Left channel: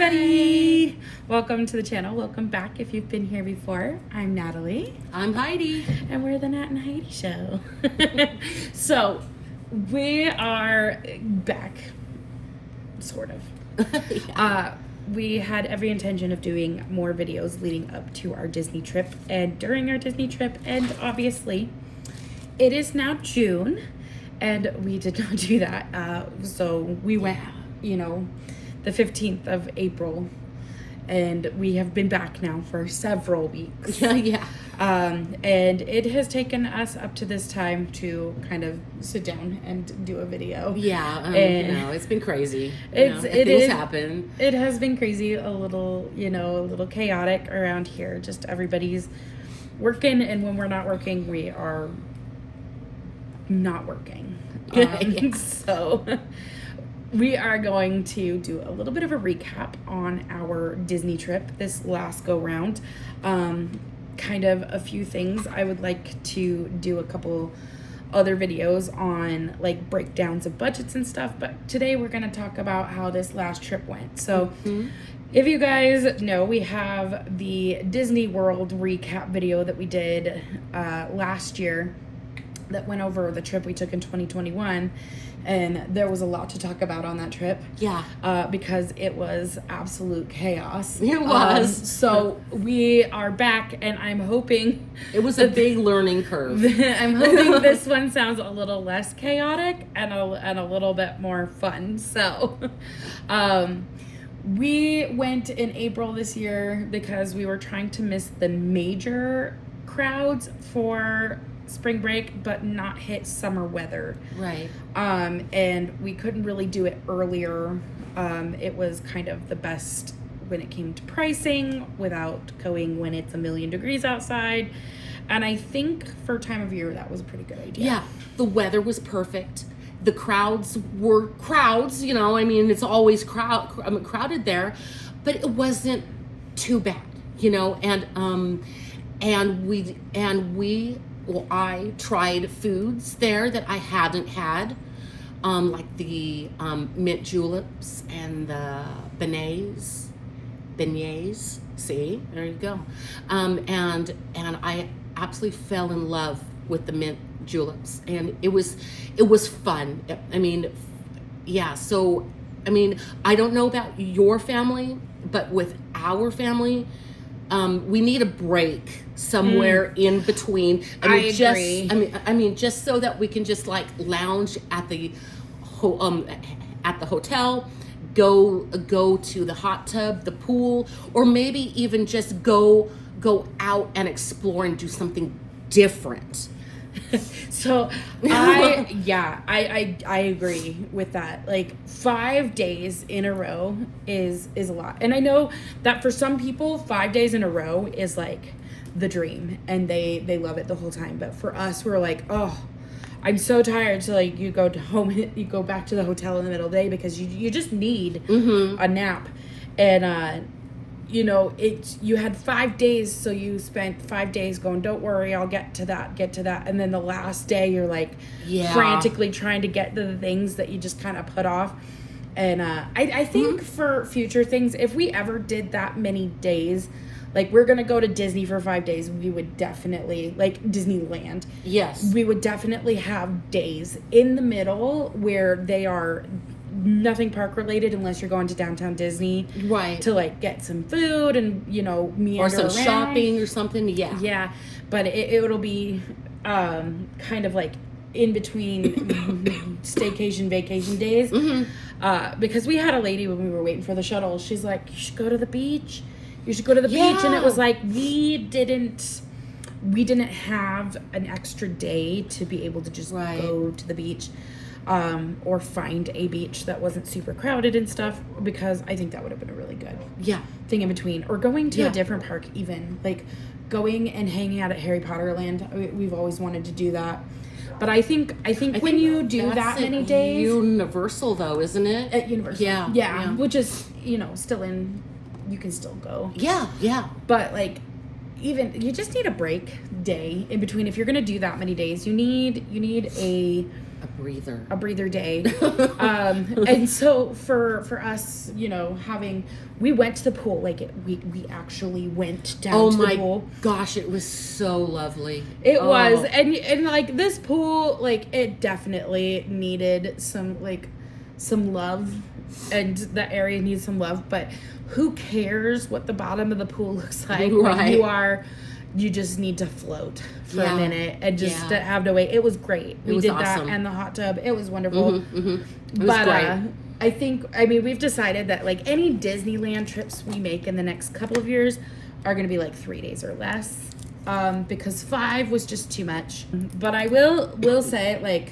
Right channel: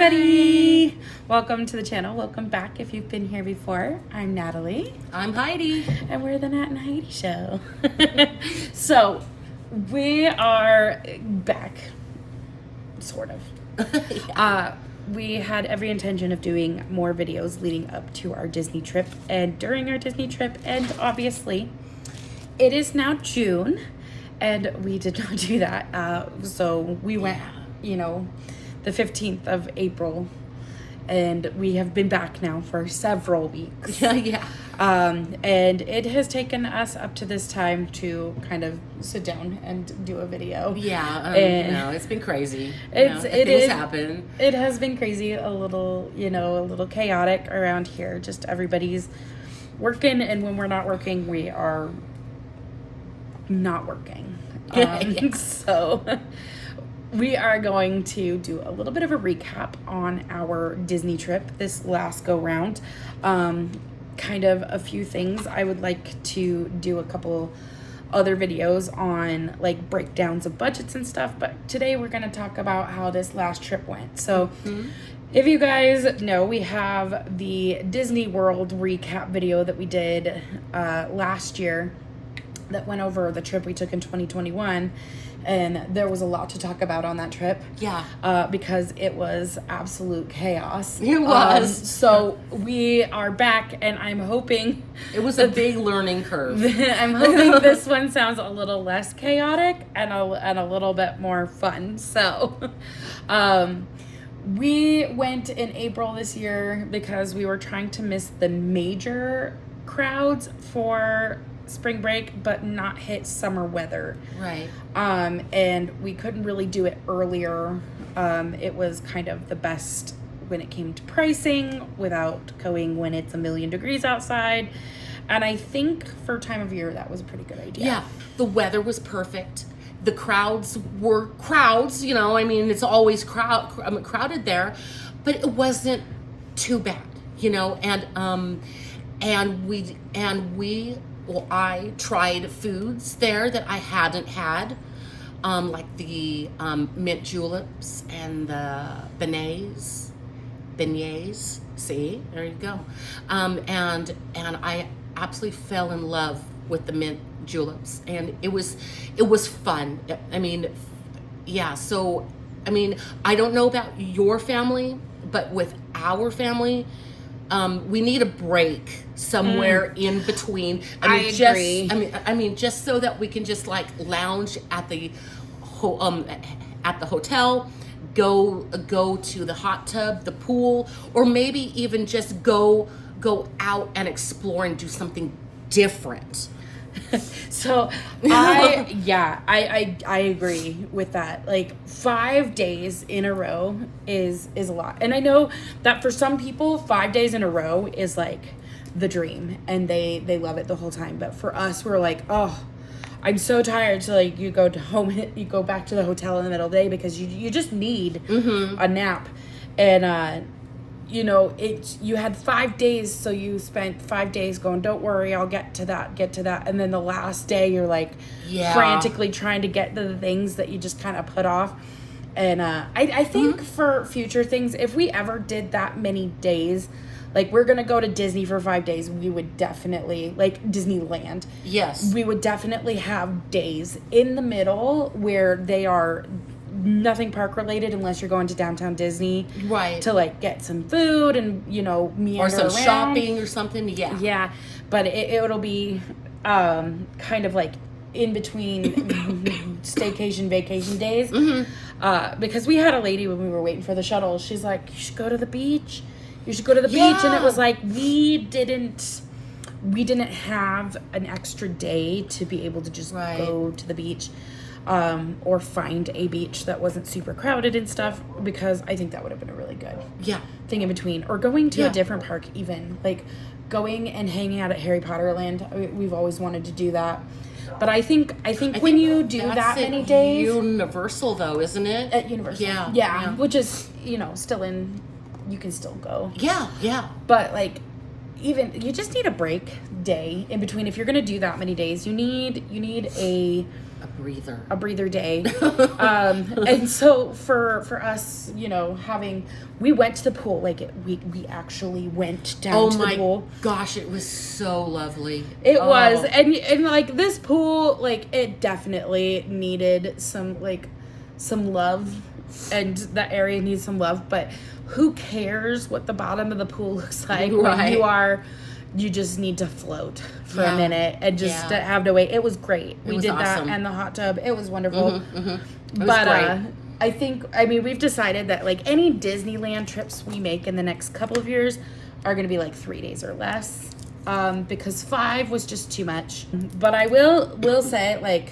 everybody! Welcome to the channel. Welcome back if you've been here before. I'm Natalie. I'm Heidi. And we're the Nat and Heidi Show. So, we are back. Sort of. Yeah. We had every intention of doing more videos leading up to our Disney trip and during our Disney trip. And obviously, it is now June. And we did not do that. So, we went, the 15th of April, and we have been back now for several weeks. Yeah. And it has taken us up to this time to kind of sit down and do a video. Yeah, it's been crazy. Things happen. It has been crazy, a little chaotic around here. Just everybody's working, and when we're not working, we are not working. So we are going to do a little bit of a recap on our Disney trip this last go round. Kind of a few things. I would like to do a couple other videos on like breakdowns of budgets and stuff, but today we're going to talk about how this last trip went. So if you guys know, we have the Disney World recap video that we did last year that went over the trip we took in 2021. And there was a lot to talk about on that trip. Yeah. Because it was absolute chaos. It was. So we are back, and I'm hoping... It was a big learning curve. I'm hoping this one sounds a little less chaotic and a little bit more fun. So we went in April this year because we were trying to miss the major crowds for spring break, but not hit summer weather. Right. And we couldn't really do it earlier. It was kind of the best when it came to pricing without going when it's 1,000,000 degrees outside. And I think for time of year, that was a pretty good idea. Yeah. The weather was perfect. The crowds were crowds, it's always crowded there, but it wasn't too bad, I tried foods there that I hadn't had, like the mint juleps and the beignets. See, there you go. And I absolutely fell in love with the mint juleps, and it was fun. I don't know about your family, but with our family, we need a break somewhere in between. I agree. Just so that we can just like lounge at the hotel, go to the hot tub, the pool, or maybe even just go out and explore and do something different. So I agree with that. Like 5 days in a row is a lot. And I know that for some people 5 days in a row is like the dream and they love it the whole time. But for us, we're like, oh, I'm so tired. So like you go back to the hotel in the middle of the day because you just need a nap. And you had 5 days, so you spent 5 days going, don't worry, I'll get to that. And then the last day you're like frantically trying to get to the things that you just kind of put off. And I think for future things, if we ever did that many days, like we're going to go to Disney for 5 days, we would definitely, like Disneyland. Yes. We would definitely have days in the middle where they are nothing park related unless you're going to downtown Disney, right, to like get some food and meander or some around. Shopping or something. Yeah, but it'll be kind of like in between staycation vacation days, because we had a lady when we were waiting for the shuttle, she's like, you should go to the beach, and it was like we didn't have an extra day to be able to just go to the beach. Or find a beach that wasn't super crowded and stuff, because I think that would have been a really good thing in between. Or going to a different park, even like going and hanging out at Harry Potter Land. We've always wanted to do that, but I think when you do that many days, Universal though, isn't it? At Universal, yeah, which is still in, you can still go. Yeah. But like, even you just need a break day in between. If you're gonna do that many days, you need a A breather day. And so for us, you know, we went to the pool, like we actually went down to the pool. Oh my gosh, it was so lovely. It was. And like this pool, like it definitely needed some love, and that area needs some love, but who cares what the bottom of the pool looks like when you just need to float for a minute and just have to wait. It was great. We did awesome. That and the hot tub. It was wonderful. It was great. I mean, we've decided that like any Disneyland trips we make in the next couple of years are going to be like 3 days or less, because 5 was just too much. But I will say, like,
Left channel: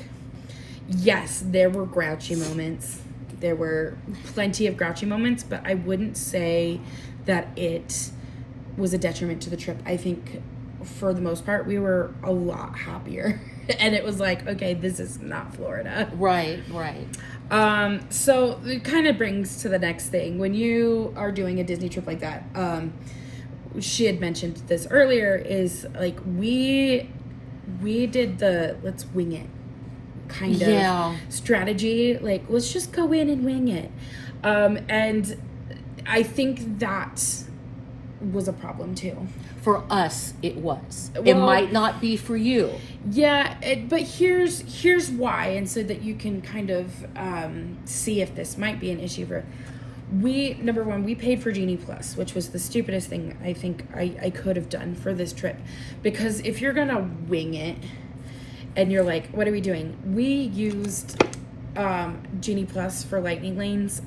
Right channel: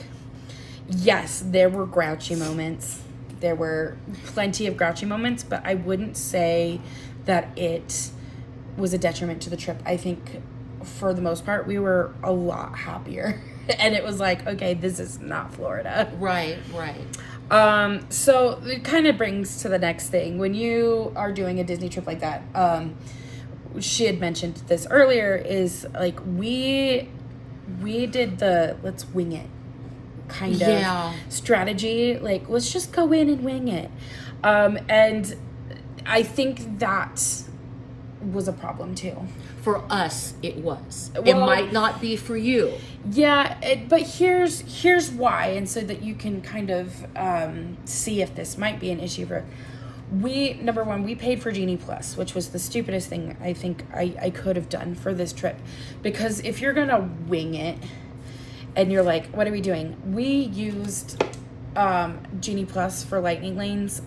yes, there were grouchy moments. There were plenty of grouchy moments, but I wouldn't say that it was a detriment to the trip. I think for the most part, we were a lot happier. And it was like, okay, this is not Florida. Right. So it kind of brings to the next thing. When you are doing a Disney trip like that, she had mentioned this earlier, is like we did the let's wing it kind of strategy. Like, let's just go in and wing it. And I think that was a problem too. For us, it was. Well, it might not be for you. Yeah, but here's why, and so that you can kind of see if this might be an issue for. Number one, we paid for Genie Plus, which was the stupidest thing I think I could have done for this trip, because if you're gonna wing it, and you're like, what are we doing? We used Genie Plus for lightning lanes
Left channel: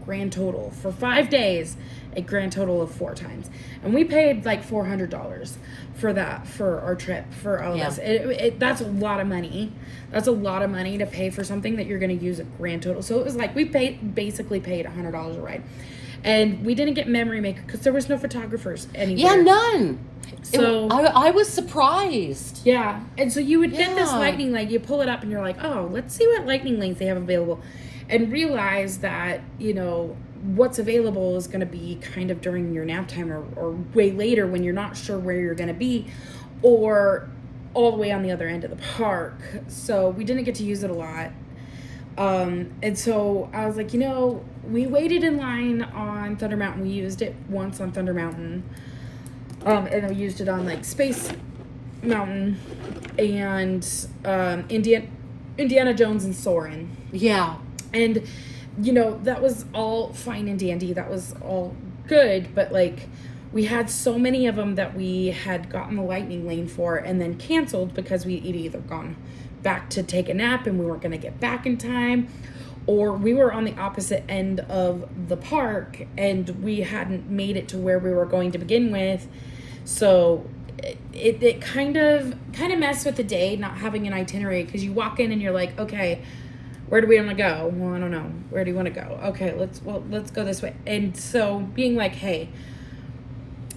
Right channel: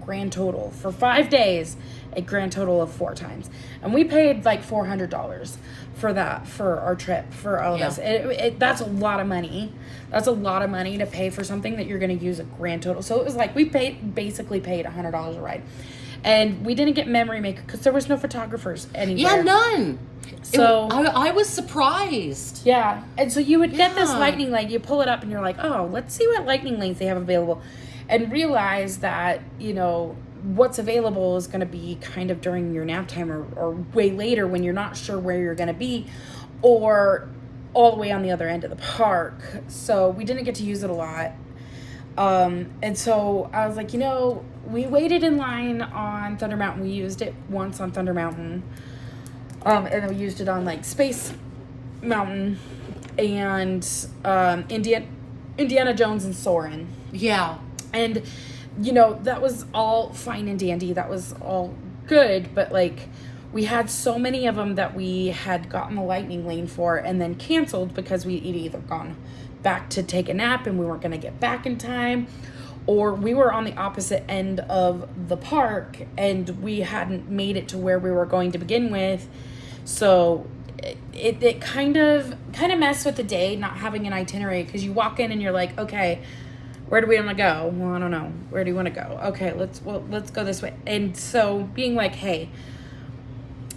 grand total for 5 days, a grand total of 4 times, and we paid like $400 for that for our trip for all of us. That's a lot of money. That's a lot of money to pay for something that you're going to use a grand total. So it was like we basically paid $100 a ride, and we didn't get memory maker because there was no photographers anywhere. Yeah, none. So I was surprised. Yeah, and so you would get this lightning lane, you pull it up, and you're like, oh, let's see what lightning lanes they have available, and realize that, you know, what's available is going to be kind of during your nap time or way later when you're not sure where you're going to be, or all the way on the other end of the park. So we didn't get to use it a lot. And so I was like, you know, we waited in line on Thunder Mountain. We used it once on Thunder Mountain. And then we used it on like Space Mountain and Indiana Jones and Soarin'. Yeah. And, you know, that was all fine and dandy. That was all good. But like, we had so many of them that we had gotten the lightning lane for and then canceled because we'd either gone back to take a nap and we weren't going to get back in time, or we were on the opposite end of the park and we hadn't made it to where we were going to begin with. So it kind of messed with the day, not having an itinerary, because you walk in and you're like, okay, where do we want to go? Well, I don't know. Where do you want to go? Okay, let's go this way. And so being like, hey,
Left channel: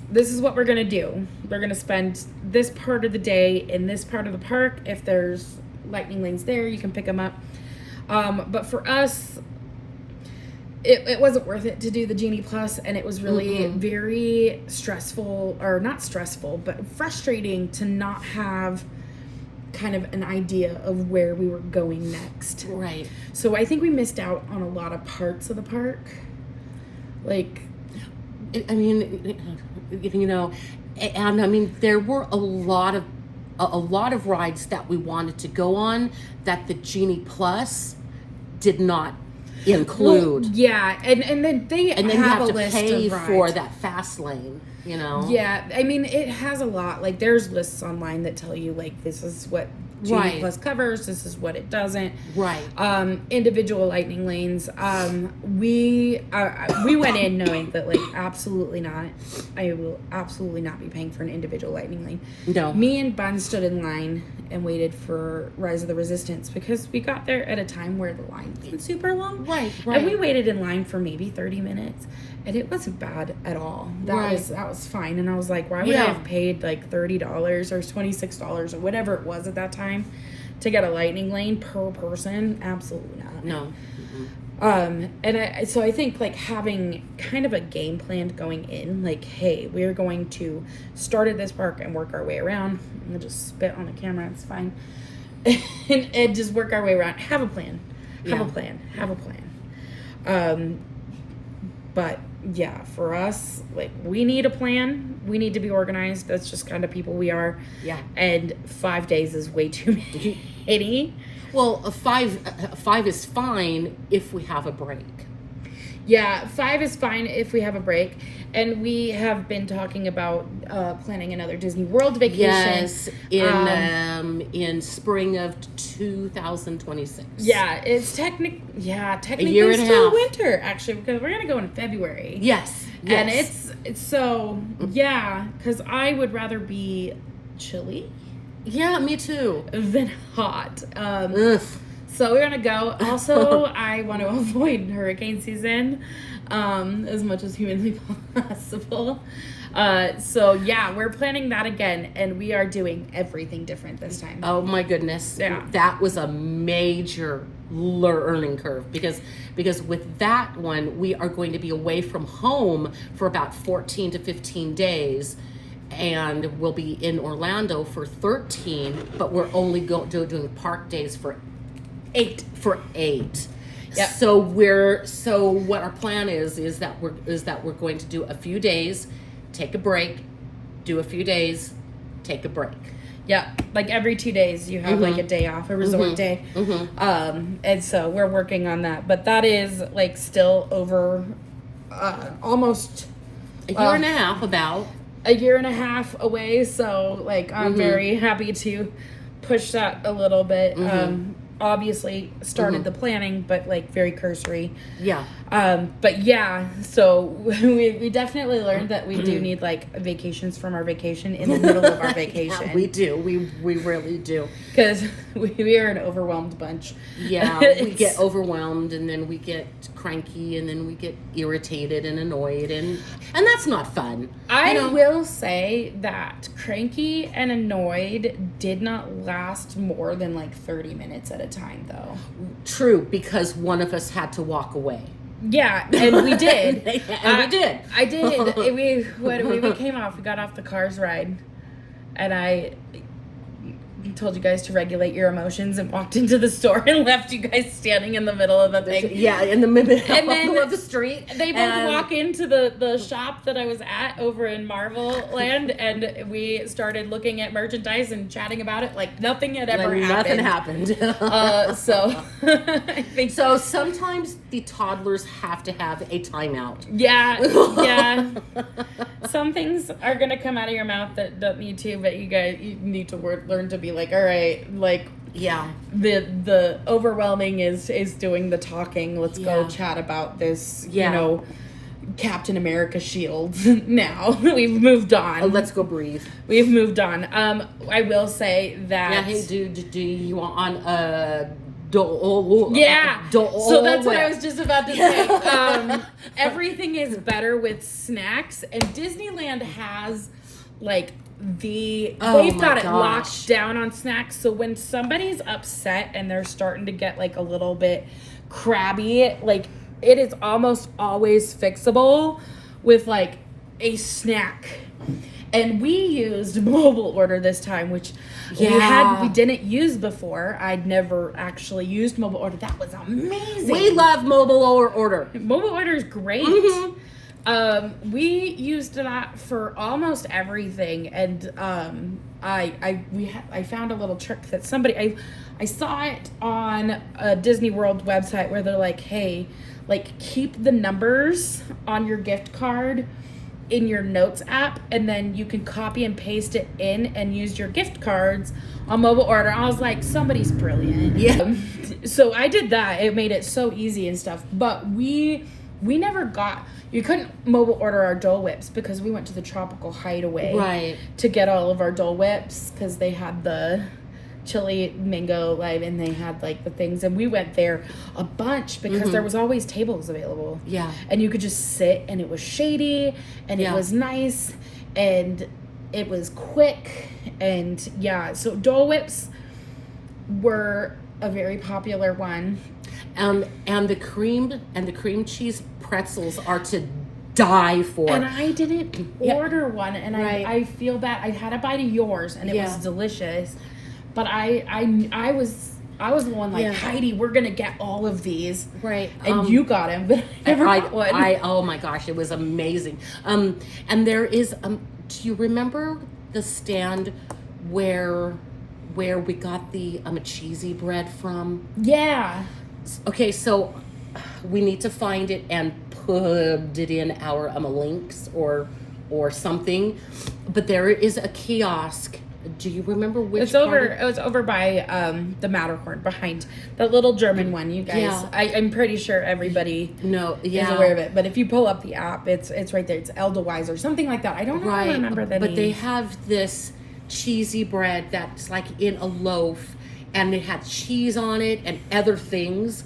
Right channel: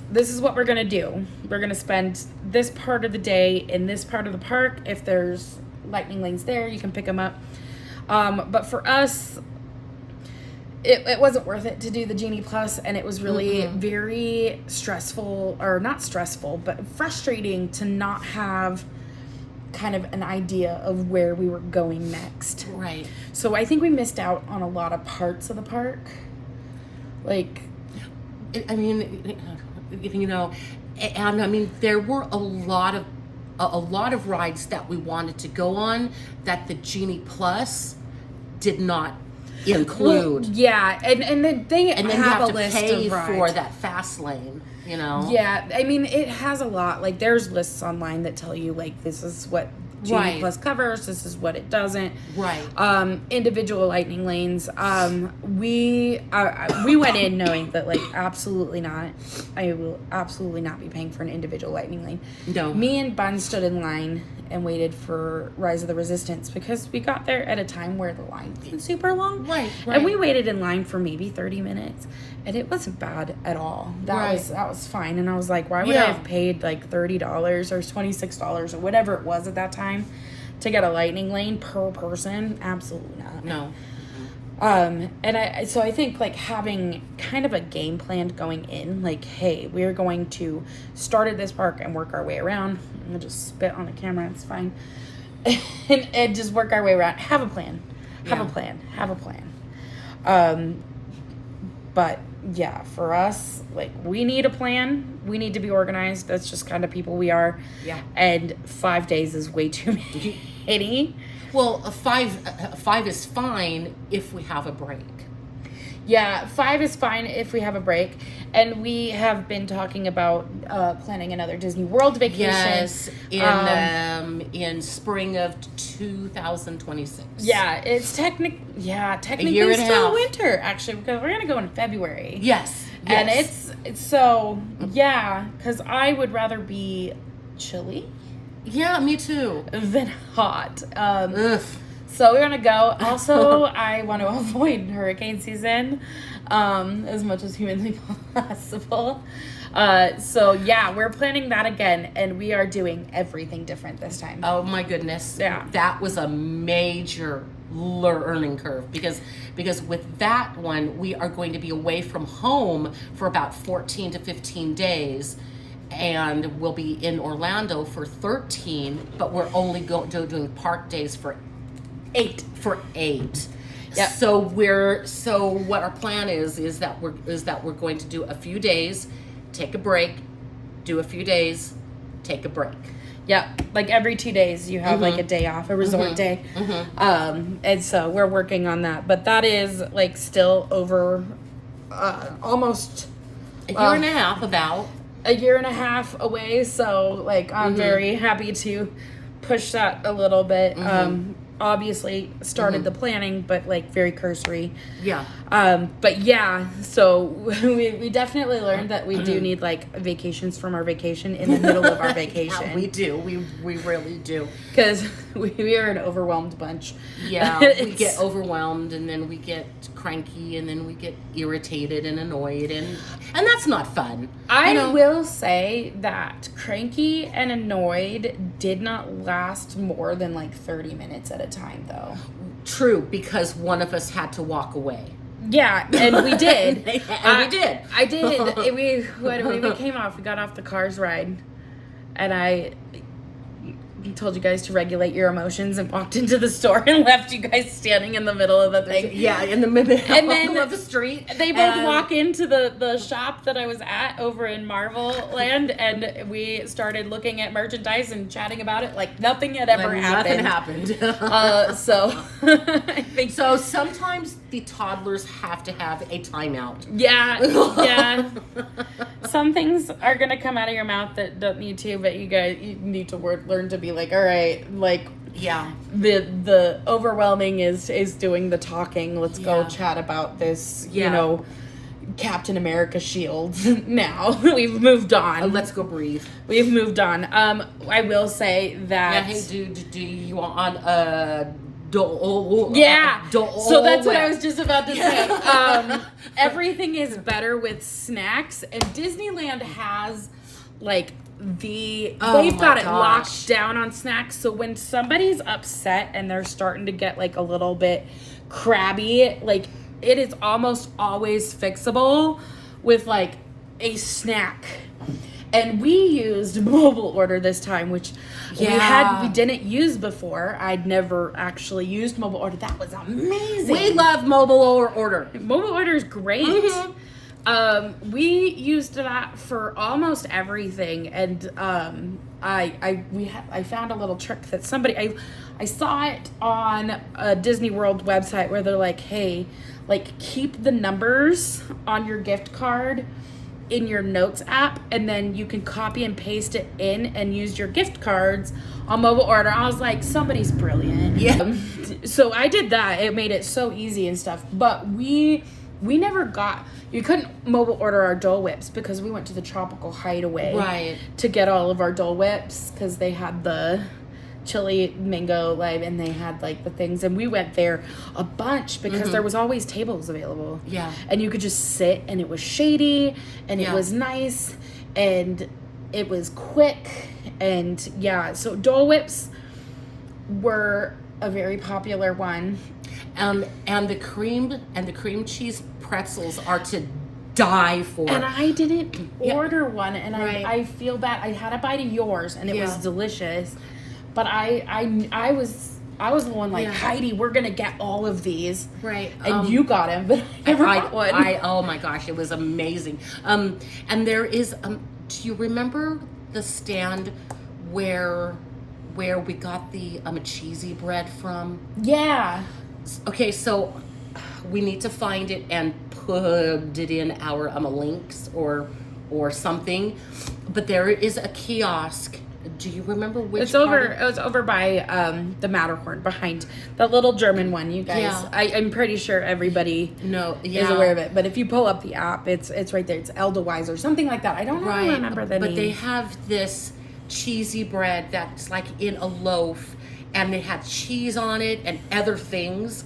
this is what we're going to do. We're going to spend this part of the day in this part of the park. If there's lightning lanes there, you can pick them up. But for us, it wasn't worth it to do the Genie Plus, and it was really very stressful, or not stressful, but frustrating to not have kind of an idea of where we were going next. Right. So I think we missed out on a lot of parts of the park. Like, I mean, you know, and I mean, there were a lot of rides that we wanted to go on that the Genie Plus did not include. Well, yeah, and then you have to pay for that fast lane, you know. Yeah, I mean, it has a lot. Like, there's lists online that tell you, like, this is what Genie Plus covers, this is what it doesn't. Right. Individual lightning lanes. We went in knowing that, like, absolutely not. I will absolutely not be paying for an individual lightning lane. No. Me and Bun stood in line and waited for Rise of the Resistance because we got there at a time where the line wasn't super long. Right. And we waited in line for maybe 30 minutes. And it wasn't bad at all. That was fine. And I was like, why would I have paid like $30 or $26 or whatever it was at that time to get a lightning lane per person? Absolutely not. No. And so I think like having kind of a game plan going in, like, hey, we're going to start at this park and work our way around. I'm gonna just spit on the camera, it's fine. and just work our way around. Have a plan. Have a plan. But yeah, for us, like, we need a plan. We need to be organized. That's just kind of people we are. Yeah. And 5 days is way too many. Well, five is fine if we have a break. Yeah, 5 is fine if we have a break. And we have been talking about planning another Disney World vacation. Yes, in spring of 2026. Yeah, it's technically a year and still a half. winter, actually, because we're gonna go in February. Yes. And it's so, yeah, because I would rather be chilly Yeah, me too. than hot. Ugh. So we're gonna go. Also, I want to avoid hurricane season as much as humanly possible. So yeah, we're planning that again, and we are doing everything different this time. Oh my goodness. Yeah. That was a major learning curve because with that one, we are going to be away from home for about 14 to 15 days. And we'll be in Orlando for 13, but we're only doing park days for 8. Yep. So what our plan is that we're going to do a few days, take a break, do a few days, take a break. Yeah, like every 2 days you have like a day off, a resort day. And so we're working on that, but that is like still over almost A year and a half about. a year and a half away. So like I'm very happy to push that a little bit. Obviously started the planning, but like very cursory. Yeah. But yeah, so we definitely learned that we do need like vacations from our vacation in the middle of our vacation. Yeah, we do. We really do. Because we are an overwhelmed bunch. Yeah, we get overwhelmed, and then we get cranky, and then we get irritated and annoyed, and that's not fun. I will say that cranky and annoyed did not last more than like 30 minutes at a time, though. True, because one of us had to walk away. Yeah, and we did. We did. I did. When we came off, we got off the Cars ride, and I told you guys to regulate your emotions and walked into the store and left you guys standing in the middle of the thing. Yeah, in the middle And then of the street. They both walk into the shop that I was at over in Marvel Land, and we started looking at merchandise and chatting about it like nothing had ever happened. Nothing happened. So I think So sometimes the toddlers have to have a timeout. Yeah. Some things are gonna come out of your mouth that don't need to, but you need to learn to be like, all right, like, Yeah. the overwhelming is doing the talking. Let's go Yeah. chat about this. Yeah. You know, Captain America shield. Now we've moved on. Let's go breathe. We've moved on. I will say that. Yeah. Hey, do you want Yeah. So So that's what I was just about to say. Everything is better with snacks, and Disneyland has like they've got it locked down on snacks. So when somebody's upset and they're starting to get like a little bit crabby, like it is almost always fixable with like a snack. And we used mobile order this time, which we didn't use before. I'd never actually used mobile order. That was amazing. We love mobile order. Mobile order is great. We used that for almost everything, and I found a little trick that somebody I saw it on a Disney World website where they're like, hey, like keep the numbers on your gift card in your notes app, and then you can copy and paste it in and use your gift cards on mobile order. I was like, somebody's brilliant. Yeah. So I did that. It made it so easy and stuff. But we never you couldn't mobile order our Dole Whips because we went to the Tropical Hideaway to get all of our Dole Whips because they had the chili mango and they had like the things, and we went there a bunch because there was always tables available. Yeah. And you could just sit, and it was shady, and it was nice, and it was quick, and so Dole Whips were a very popular one. And the cream cheese pretzels are to die for. And I didn't order one, and I feel bad. I had a bite of yours, and it was delicious. But I was the one like, Heidi, we're gonna get all of these, right? And you got him, but I never got one. Oh my gosh, it was amazing. And there is do you remember the stand where we got the cheesy bread from? Yeah. Okay, so we need to find it and put it in our links or something. But there is a kiosk. Do you remember which? It was over by the Matterhorn, behind the little German one. You guys, Yeah. I'm pretty sure everybody is aware of it. But if you pull up the app, it's right there. It's Edelweiss or something like that. I don't remember the name. But they have this cheesy bread that's like in a loaf, and it had cheese on it and other things.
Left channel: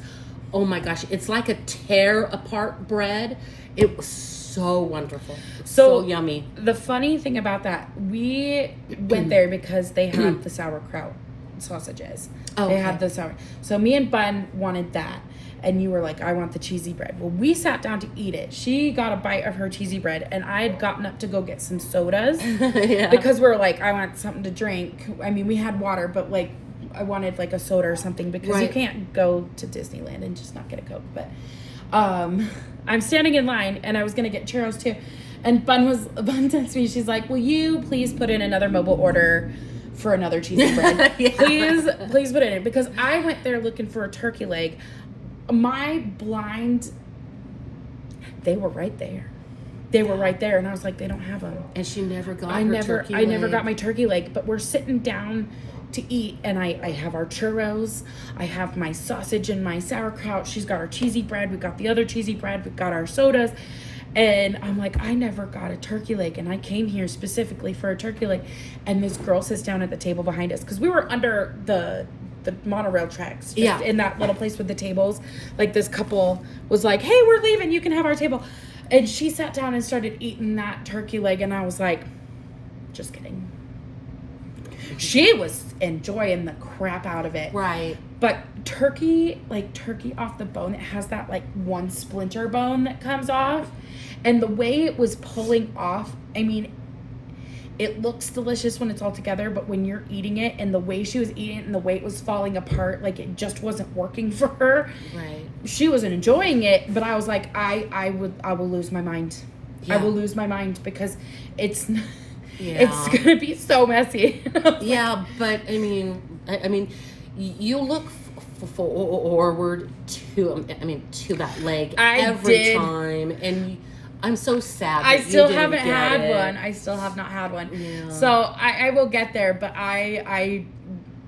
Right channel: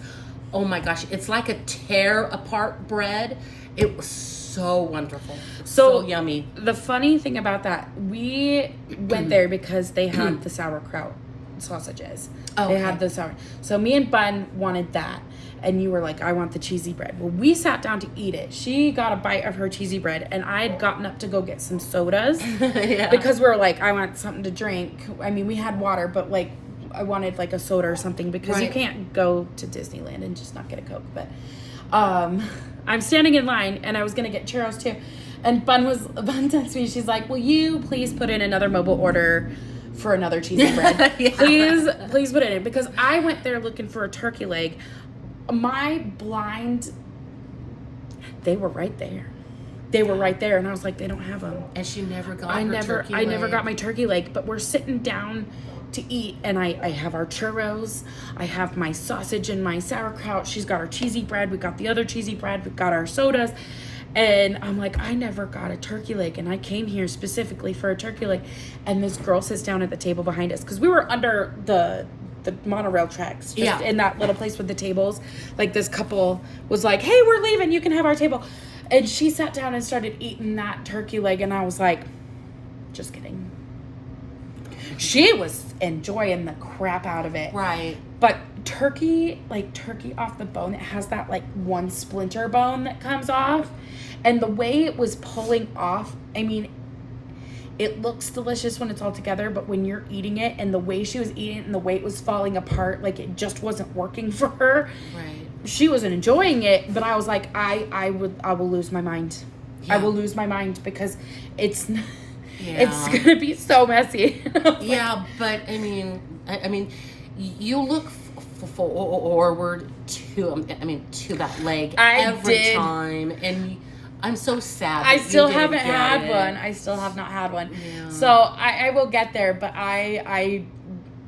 Oh my gosh, it's like a tear apart bread. It was so wonderful. So yummy. The funny thing about that, we went there because they had the sauerkraut sausages. Oh, they had the sour. So me and Bun wanted that. And you were like, I want the cheesy bread. Well, we sat down to eat it. She got a bite of her cheesy bread, and I had gotten up to go get some sodas. Because we were like, I want something to drink. I mean, we had water, but like, I wanted like a soda or something because you can't go to Disneyland and just not get a Coke. But I'm standing in line, and I was going to get churros too. And Bun texted me. She's like, will you please put in another mobile order for another cheesy bread? Please put it in. Because I went there looking for a turkey leg. My blind, they were right there. And I was like, they don't have them. And she never got I never got my turkey leg. But we're sitting down to eat, and I have our churros, I have my sausage and my sauerkraut. She's got her cheesy bread. We got the other cheesy bread. We got our sodas. And I'm like, I never got a turkey leg, and I came here specifically for a turkey leg. And this girl sits down at the table behind us because we were under the monorail tracks, in that little place with the tables. Like, this couple was like, hey, we're leaving, you can have our table. And she sat down and started eating that turkey leg, and I was like, just kidding. She was enjoying the crap out of it. Right. But turkey off the bone, it has that like one splinter bone that comes off. And the way it was pulling off, I mean, it looks delicious when it's all together, but when you're eating it and the way she was eating it and the way it was falling apart, like it just wasn't working for her. Right. She wasn't enjoying it, but I was like, I will lose my mind. Yeah. I will lose my mind because it's gonna be so messy. Yeah, but I mean, you look forward to that leg every time, and I'm so sad. I still haven't had one. I still have not had one. Yeah. So I will get there, but I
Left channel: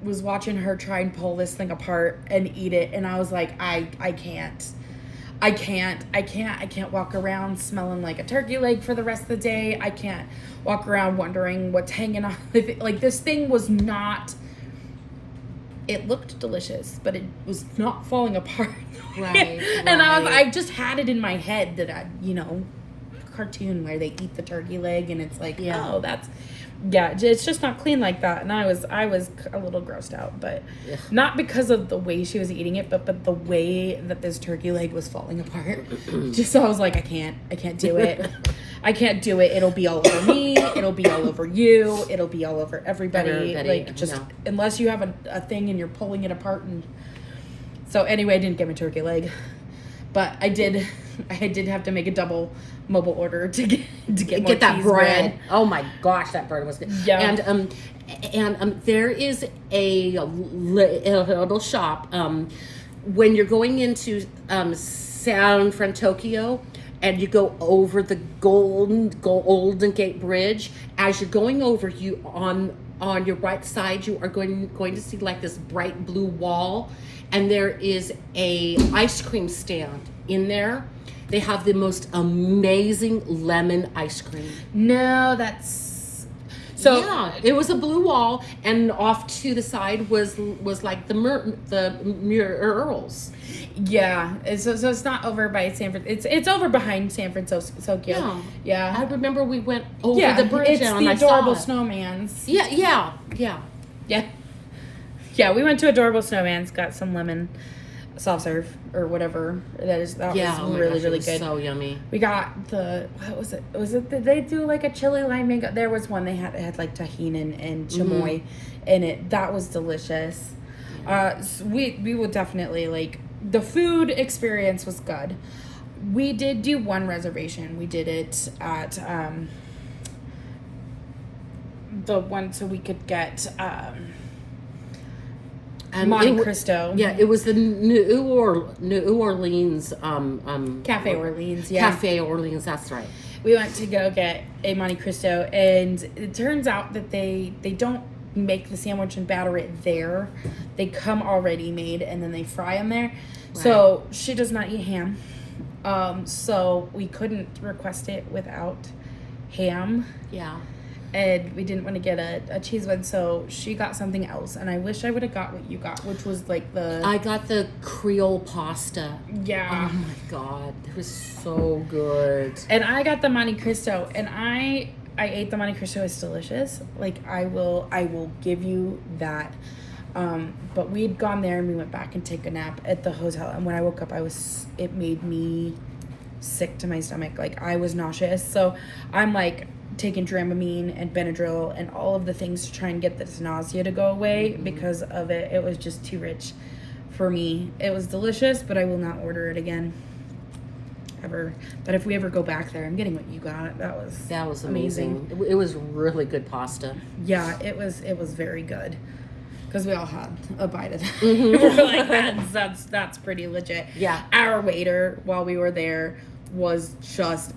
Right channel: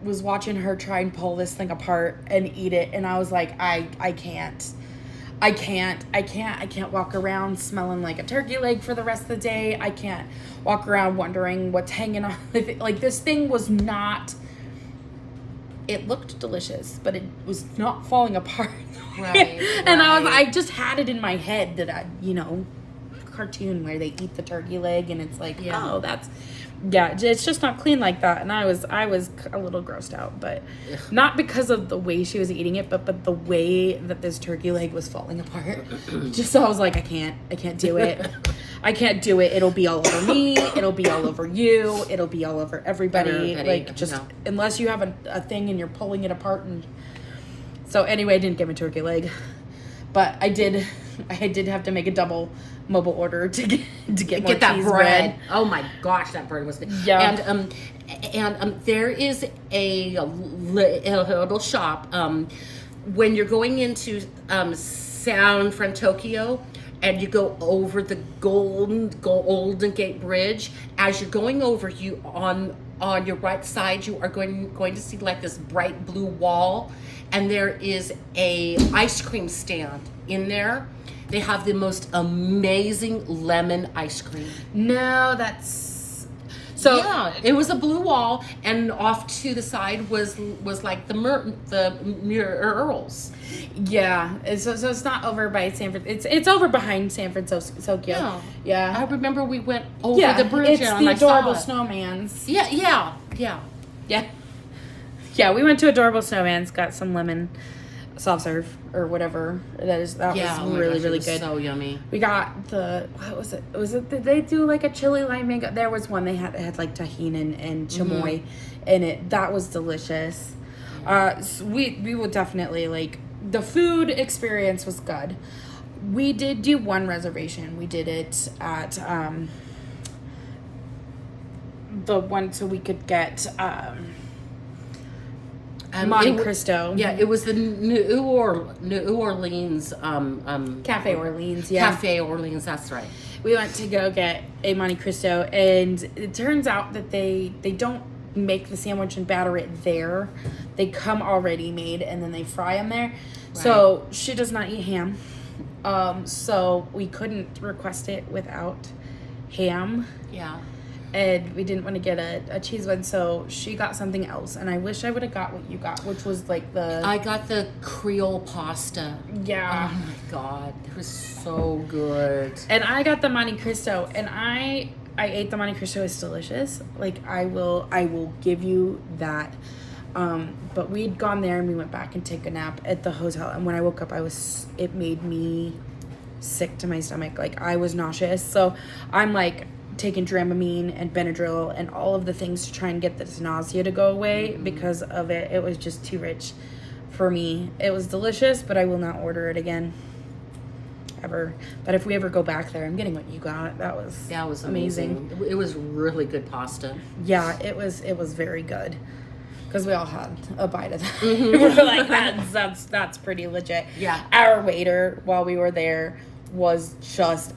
was watching her try and pull this thing apart and eat it, and I was like, I can't walk around smelling like a turkey leg for the rest of the day. I can't walk around wondering what's hanging off. Like, this thing was not, it looked delicious, but it was not falling apart. Right. And I just had it in my head that cartoon where they eat the turkey leg, and it's like, oh, it's just not clean like that. And I was a little grossed out, but not because of the way she was eating it, but the way that this turkey leg was falling apart. Just so I was like, I can't do it. I can't do it. It'll be all over me. It'll be all over you. It'll be all over everybody. Like, just unless you have a thing and you're pulling it apart. And so anyway, I didn't get my turkey leg, but I did have to make a double mobile order to get that bread. Oh my gosh, that bread was good. Yeah. And there is a little shop when you're going into San Francisco, and you go over the Golden Gate Bridge. As you're going over, you on your right side, you are going to see like this bright blue wall, and there is a ice cream stand in there. They have the most amazing lemon ice cream. No, that's so. Yeah, it was a blue wall, and off to the side was like the murals. Yeah, so it's not over by San Francisco. It's over behind San Francisco. Yeah. I remember we went over the bridge. It's the adorable snowmans. Yeah. Yeah, we went to Adorable Snowman's, got some lemon soft serve or whatever it is. That was oh my really, gosh, really it was good. so yummy. We got what was it? Did they do like a chili lime mango? There was one they had like tahini and chamoy in it. That was delicious. So we will definitely like, the food experience was good. We did do one reservation. We did it at the one so we could get Monte Cristo. Yeah, it was the New Orleans Cafe Orleans. Yeah, Cafe Orleans. That's right. We went to go get a Monte Cristo, and it turns out that they don't make the sandwich and batter it there. They come already made, and then they fry them there. Right. So she does not eat ham. So we couldn't request it without ham. Yeah. And we didn't want to get a cheese one, so she got something else. And I wish I would have got what you got, which was like I got the Creole pasta. Yeah. Oh my God. It was so good. And I got the Monte Cristo, and I ate the Monte Cristo. It's delicious. Like, I will give you that. But we had gone there and we went back and take a nap at the hotel. And when I woke up, it made me sick to my stomach. Like, I was nauseous. So I'm like taking Dramamine and Benadryl and all of the things to try and get this nausea to go away because of it. It was just too rich for me. It was delicious, but I will not order it again. Ever. But if we ever go back there, I'm getting what you got. That was amazing. It was really good pasta. Yeah, it was very good. Because we all had a bite of that. We're like, that's pretty legit. Yeah. Our waiter, while we were there, was just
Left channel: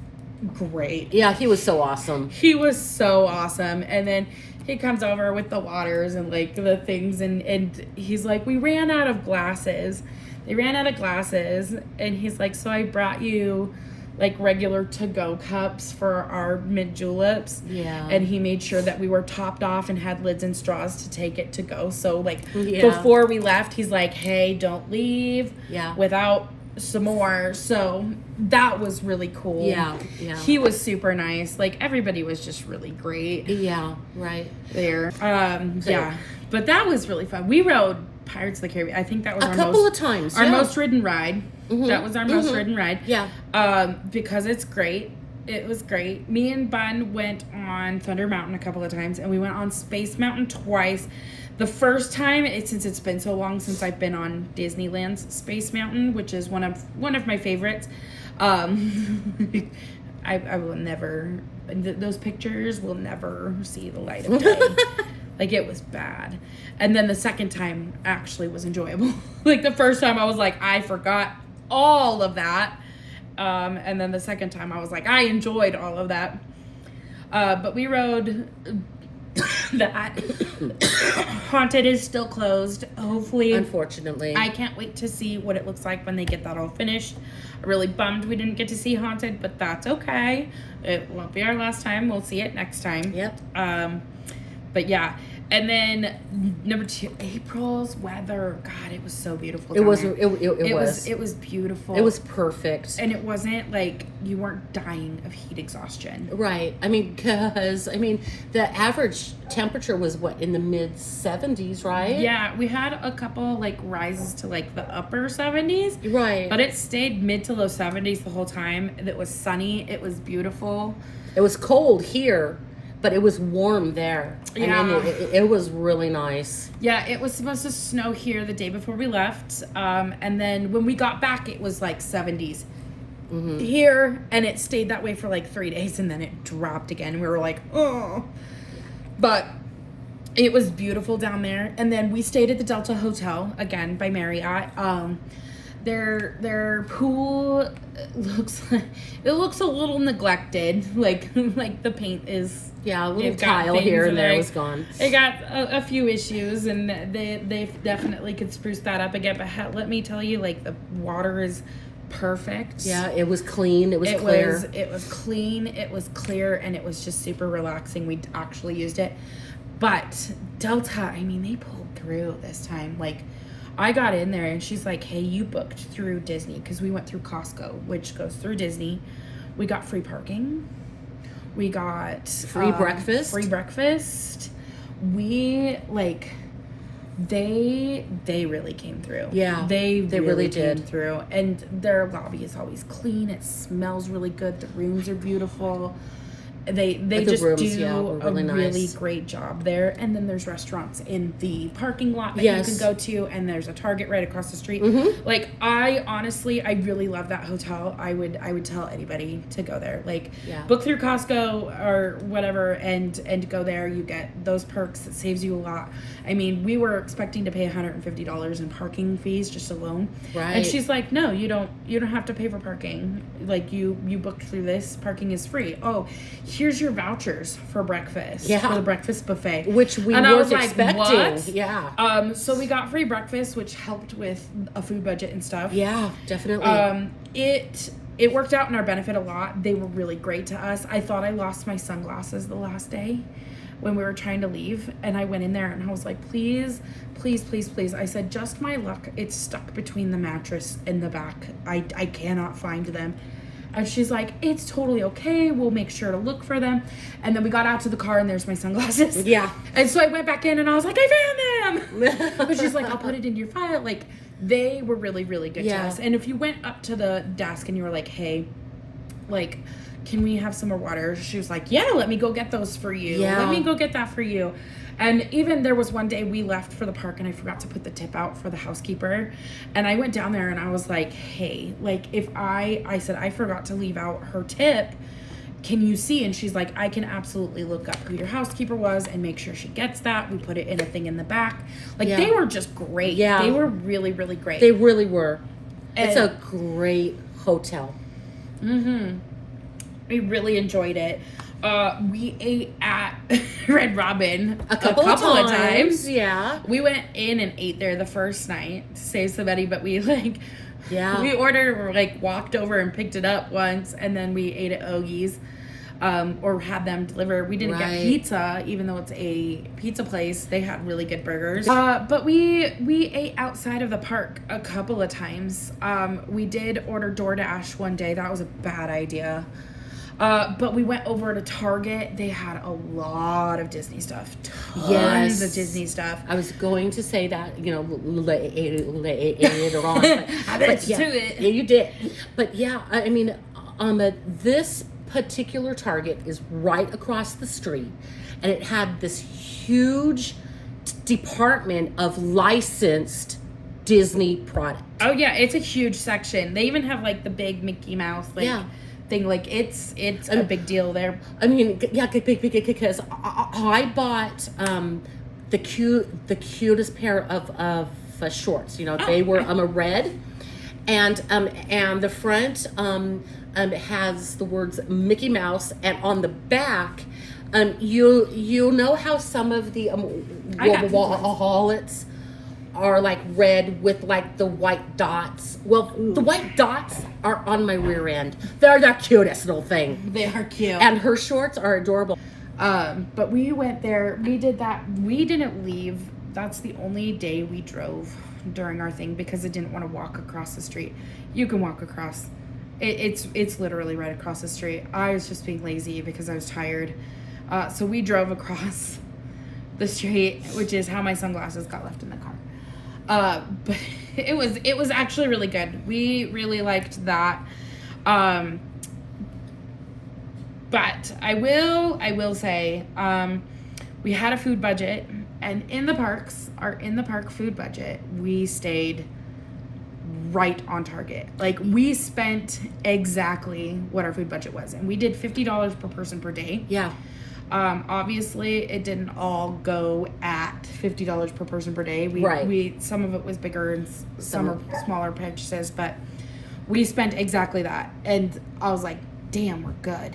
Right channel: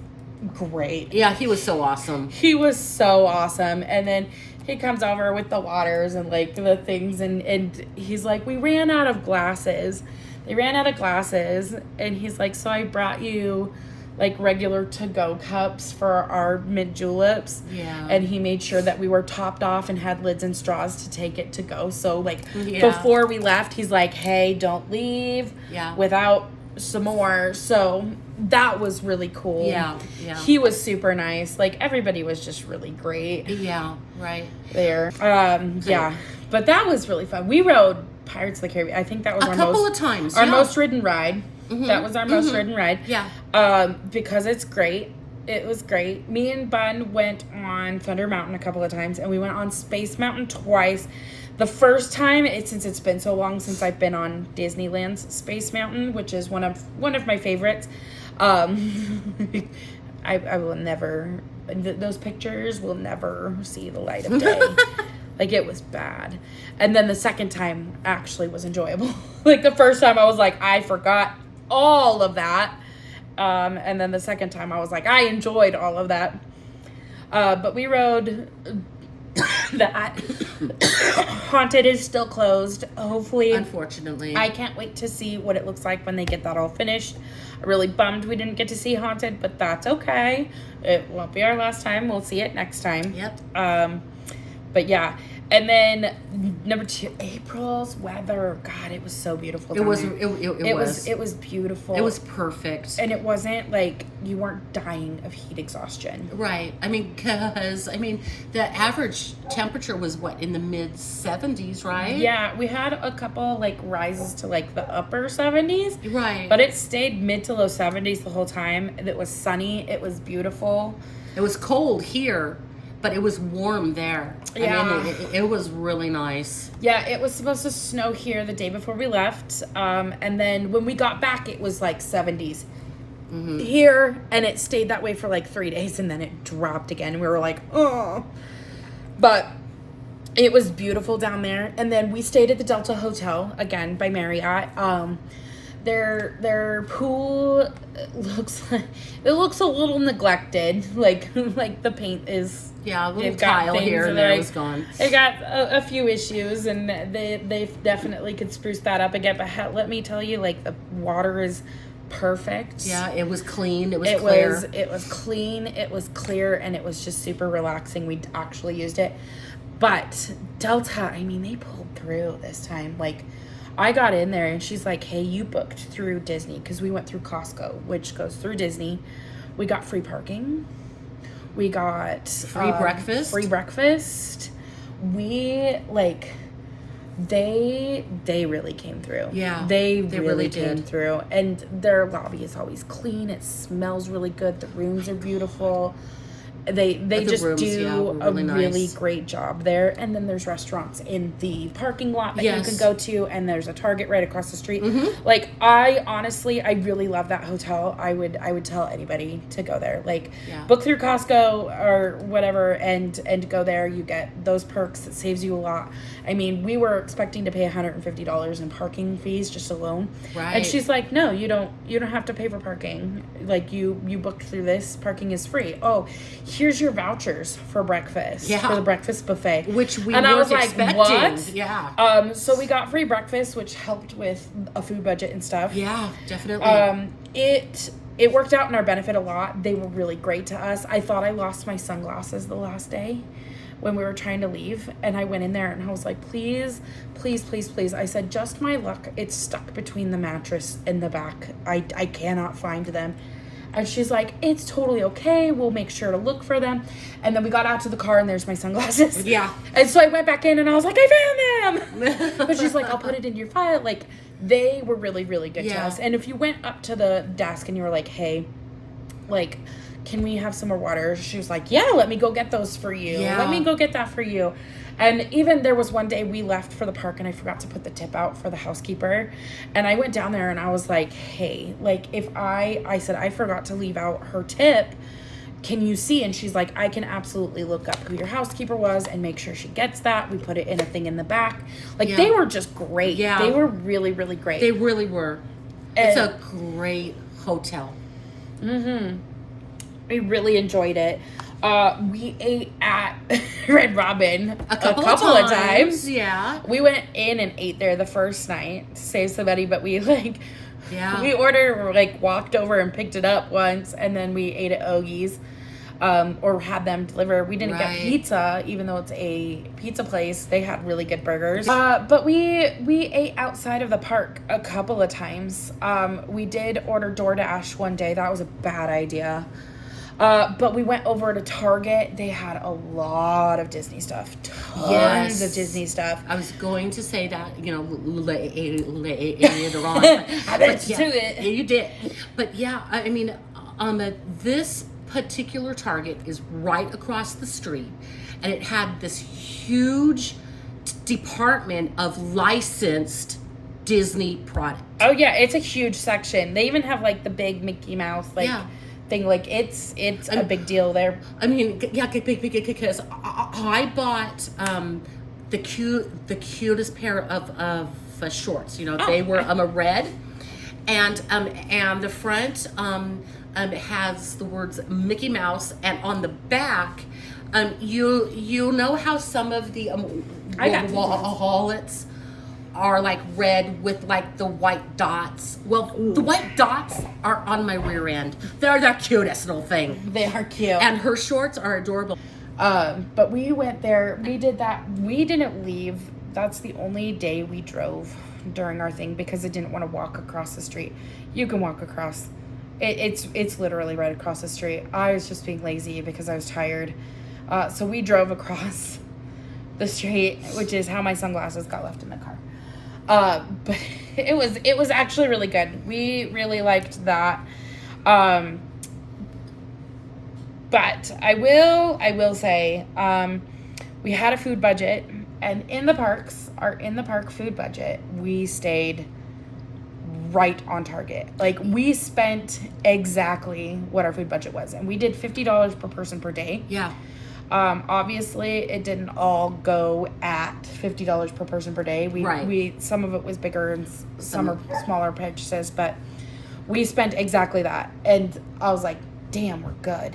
great. Yeah, he was so awesome. He was so awesome. And then he comes over with the waters and like the things, and he's like, we ran out of glasses. They ran out of glasses, and he's like, so I brought you like regular to-go cups for our mint juleps. Yeah. And he made sure that we were topped off and had lids and straws to take it to go. So like before we left, he's like, hey, don't leave without some more. So that was really cool. Yeah. He was super nice. Like, everybody was just really great. Yeah, right. There. Yeah. But that was really fun. We rode Pirates of the Caribbean. I think that was a couple of times. Our most ridden ride. That was our most ridden ride. Yeah. Because it's great. It was great. Me and Bun went on Thunder Mountain a couple of times, and we went on Space Mountain twice. The first time, since it's been so long since I've been on Disneyland's Space Mountain, which is one of my favorites. I will never. Those pictures will never see the light of day. Like, it was bad. And then the second time actually was enjoyable. Like, the first time I was like, I forgot all of that. And then the second time I was like, I enjoyed all of that. But we rode that. Haunted is still closed. Hopefully. Unfortunately. I can't wait to see what it looks like when they get that all finished. I'm really bummed we didn't get to see Haunted, but that's okay. It won't be our last time. We'll see it next time. Yep. But yeah. And then number 2, April's weather. God, it was so beautiful. It was beautiful. It was perfect. And it wasn't like you weren't dying of heat exhaustion. Right. I mean, because the average temperature was in the mid 70s, right? Yeah, we had a couple like rises to like the upper 70s. Right. But it stayed mid to low 70s the whole time. It was sunny. It was beautiful. It was cold here, but it was warm there. Yeah. It was really nice. Yeah, it was supposed to snow here the day before we left. And then when we got back, it was like 70s here. And it stayed that way for like 3 days. And then it dropped again. We were like, oh. But it was beautiful down there. And then we stayed at the Delta Hotel, again, by Marriott. Their pool looks a little neglected. Like the paint is a little tile here and there was gone. It got a few issues, and they definitely could spruce that up again. But let me tell you, like, the water is perfect. Yeah, it was clean. It was clear. It was clean. It was clear, and it was just super relaxing. We actually used it. But Delta, they pulled through this time. Like, I got in there and she's like, hey, you booked through Disney, because we went through Costco, which goes through Disney. We got free parking. We got free breakfast. We They really came through. Yeah, They they really really came did. through. And their lobby is always clean. It smells really good. The rooms are beautiful. They The just rooms, do yeah, were a really really nice. great job there. And then there's restaurants in the parking lot that you Yes. can go to, and there's a Target right across the street. Mm-hmm. Like, I honestly, I really love that hotel. I would tell anybody to go there. Like, Yeah. book through Costco or whatever, and go there. You get those perks. It saves you a lot. I mean, we were expecting to pay $150 in parking fees just alone. Right. And she's like, "No, you don't have to pay for parking. Like, you book through this, parking is free. Oh, here's your vouchers for breakfast. Yeah. For the breakfast buffet." Which we And I weren't was like, expecting. "What?" Yeah. So we got free breakfast, which helped with a food budget and stuff. Yeah, definitely. It worked out in our benefit a lot. They were really great to us. I thought I lost my sunglasses the last day when we were trying to leave, and I went in there and I was like, please, please, please, please. I said, just my luck. It's stuck between the mattress and the back. I cannot find them. And she's like, it's totally okay. We'll make sure to look for them. And then we got out to the car and there's my sunglasses. Yeah. And so I went back in and I was like, I found them. But she's like, I'll put it in your file. Like, they were really, really good to Yeah. us. And if you went up to the desk and you were like, hey, like, can we have some more water? She was like, yeah, let me go get those for you. Yeah. Let me go get that for you. And even there was one day we left for the park and I forgot to put the tip out for the housekeeper. And I went down there and I was like, hey, like, if I said, I forgot to leave out her tip. Can you see? And she's like, I can absolutely look up who your housekeeper was and make sure she gets that. We put it in a thing in the back. Like, Yeah. they were just great. Yeah. They were really, really great. They really were. It's And- a great hotel. Mm-hmm. We really enjoyed it. We ate at Red Robin A couple of of times. Yeah. We went in and ate there the first night to save some money, but we Yeah. we ordered, walked over and picked it up once, and then we ate at Ogie's, or had them deliver. We didn't Right. get pizza, even though it's a pizza place. They had really good burgers. But we ate outside of the park a couple of times. We did order DoorDash one day. That was a bad idea. But we went over to Target. They had a lot of Disney stuff. Tons of Disney stuff. I was going to say that, later on. I bet you yeah, do it. Yeah, you did. But yeah, I mean, this particular Target is right across the street, and it had this huge department of licensed Disney products. Oh yeah, it's a huge section. They even have the big Mickey Mouse Yeah. thing. It's a big deal there. I mean, yeah, because I bought the cutest pair of shorts. They were a red, and the front has the words Mickey Mouse, and on the back, you know how some of the wallets are red with the white dots. Well, the white dots are on my rear end. They're the cutest little thing. They are cute. And her shorts are adorable. But we went there. We did that. We didn't leave. That's the only day we drove during our thing because I didn't want to walk across the street. You can walk across. It's literally right across the street. I was just being lazy because I was tired. So we drove across the street, which is how my sunglasses got left in the car. But it was actually really good. We really liked that. But I will say, we had a food budget, and in the park food budget, we stayed right on target. We spent exactly what our food budget was, and we did $50 per person per day. Yeah. Obviously it didn't all go at $50 per person per day. We some of it was bigger and some are smaller purchases, but we spent exactly that. And I was like, damn, we're good.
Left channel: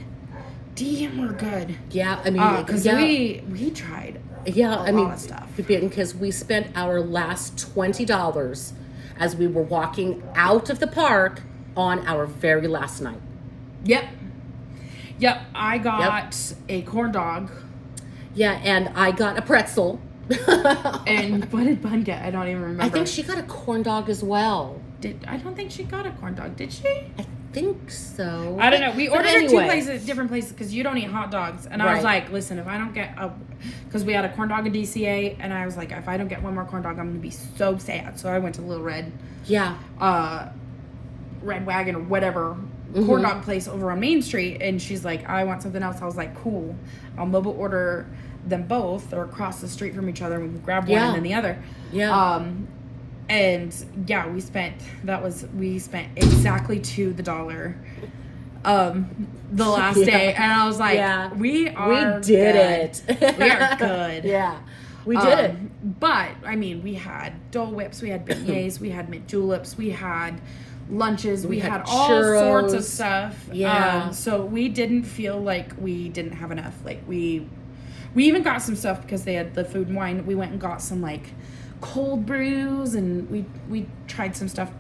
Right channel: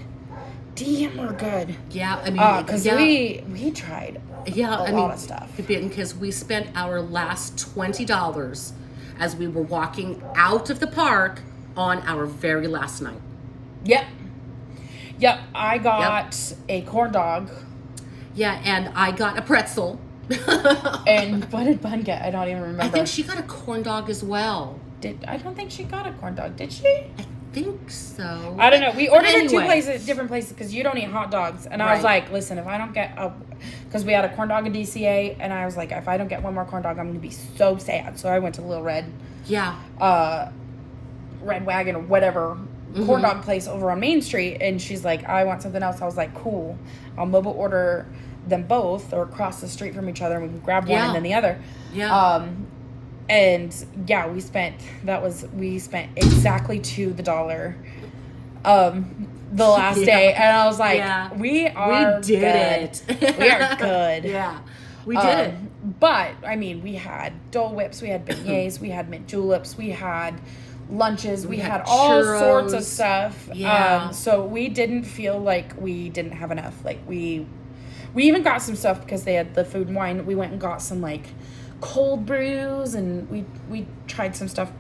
Yeah, I mean, because we tried a lot of stuff. Because we spent our last $20 as we were walking out of the park on our very last night. Yep, I got a corn dog. Yeah, and I got a pretzel. And what did Bun get? I don't even remember. I think she got a corn dog as well. I don't think she got a corn dog, did she? I think so. I don't know. We ordered at two anyway. different places, because you don't eat hot dogs. And I was Right. like, listen, if I don't get because we had a corn dog and DCA, and I was like, if I don't get one more corn dog, I'm going to be so sad. So I went to Little Red, Red Wagon or whatever corn dog place over on Main Street. And she's like, I want something else. I was like, cool. I'll mobile order them both, or across the street from each other, and we can grab one and then the other. Yeah. And yeah, we spent exactly to the dollar the last day, and I was like, we did good. it. We are good. Yeah, we did it. But I mean, we had Dole Whips, we had beignets, we had mint juleps, we had lunches, we had all churros. sorts of stuff. Yeah. So we didn't feel like we didn't have enough. Like we even got some stuff because they had the food and wine. We went and got some like cold brews, and we tried some stuff.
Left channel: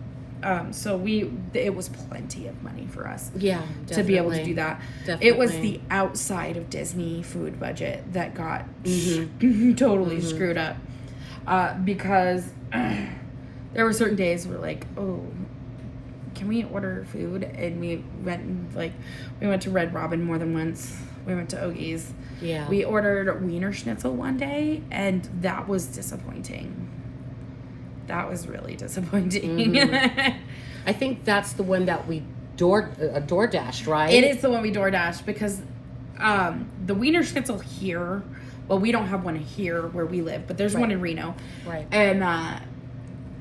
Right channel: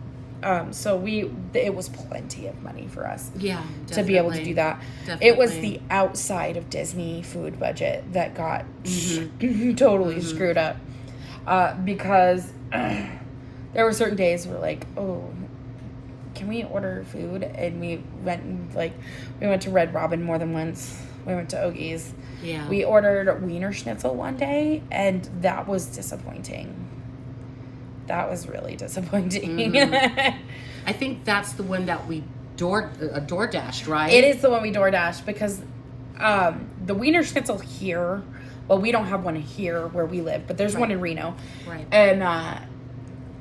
So it was plenty of money for us. Yeah, to be able to do that. Definitely. It was the outside of Disney food budget that got totally screwed up, because there were certain days where like, oh, can we order food? And we went to Red Robin more than once. We went to Ogie's. Yeah. We ordered Wiener Schnitzel one day, and that was disappointing. That was really disappointing. I think that's the one that we DoorDashed, right? It is the one we DoorDashed, because the Wiener Schnitzel here, well, we don't have one here where we live, but there's one in Reno. Right. And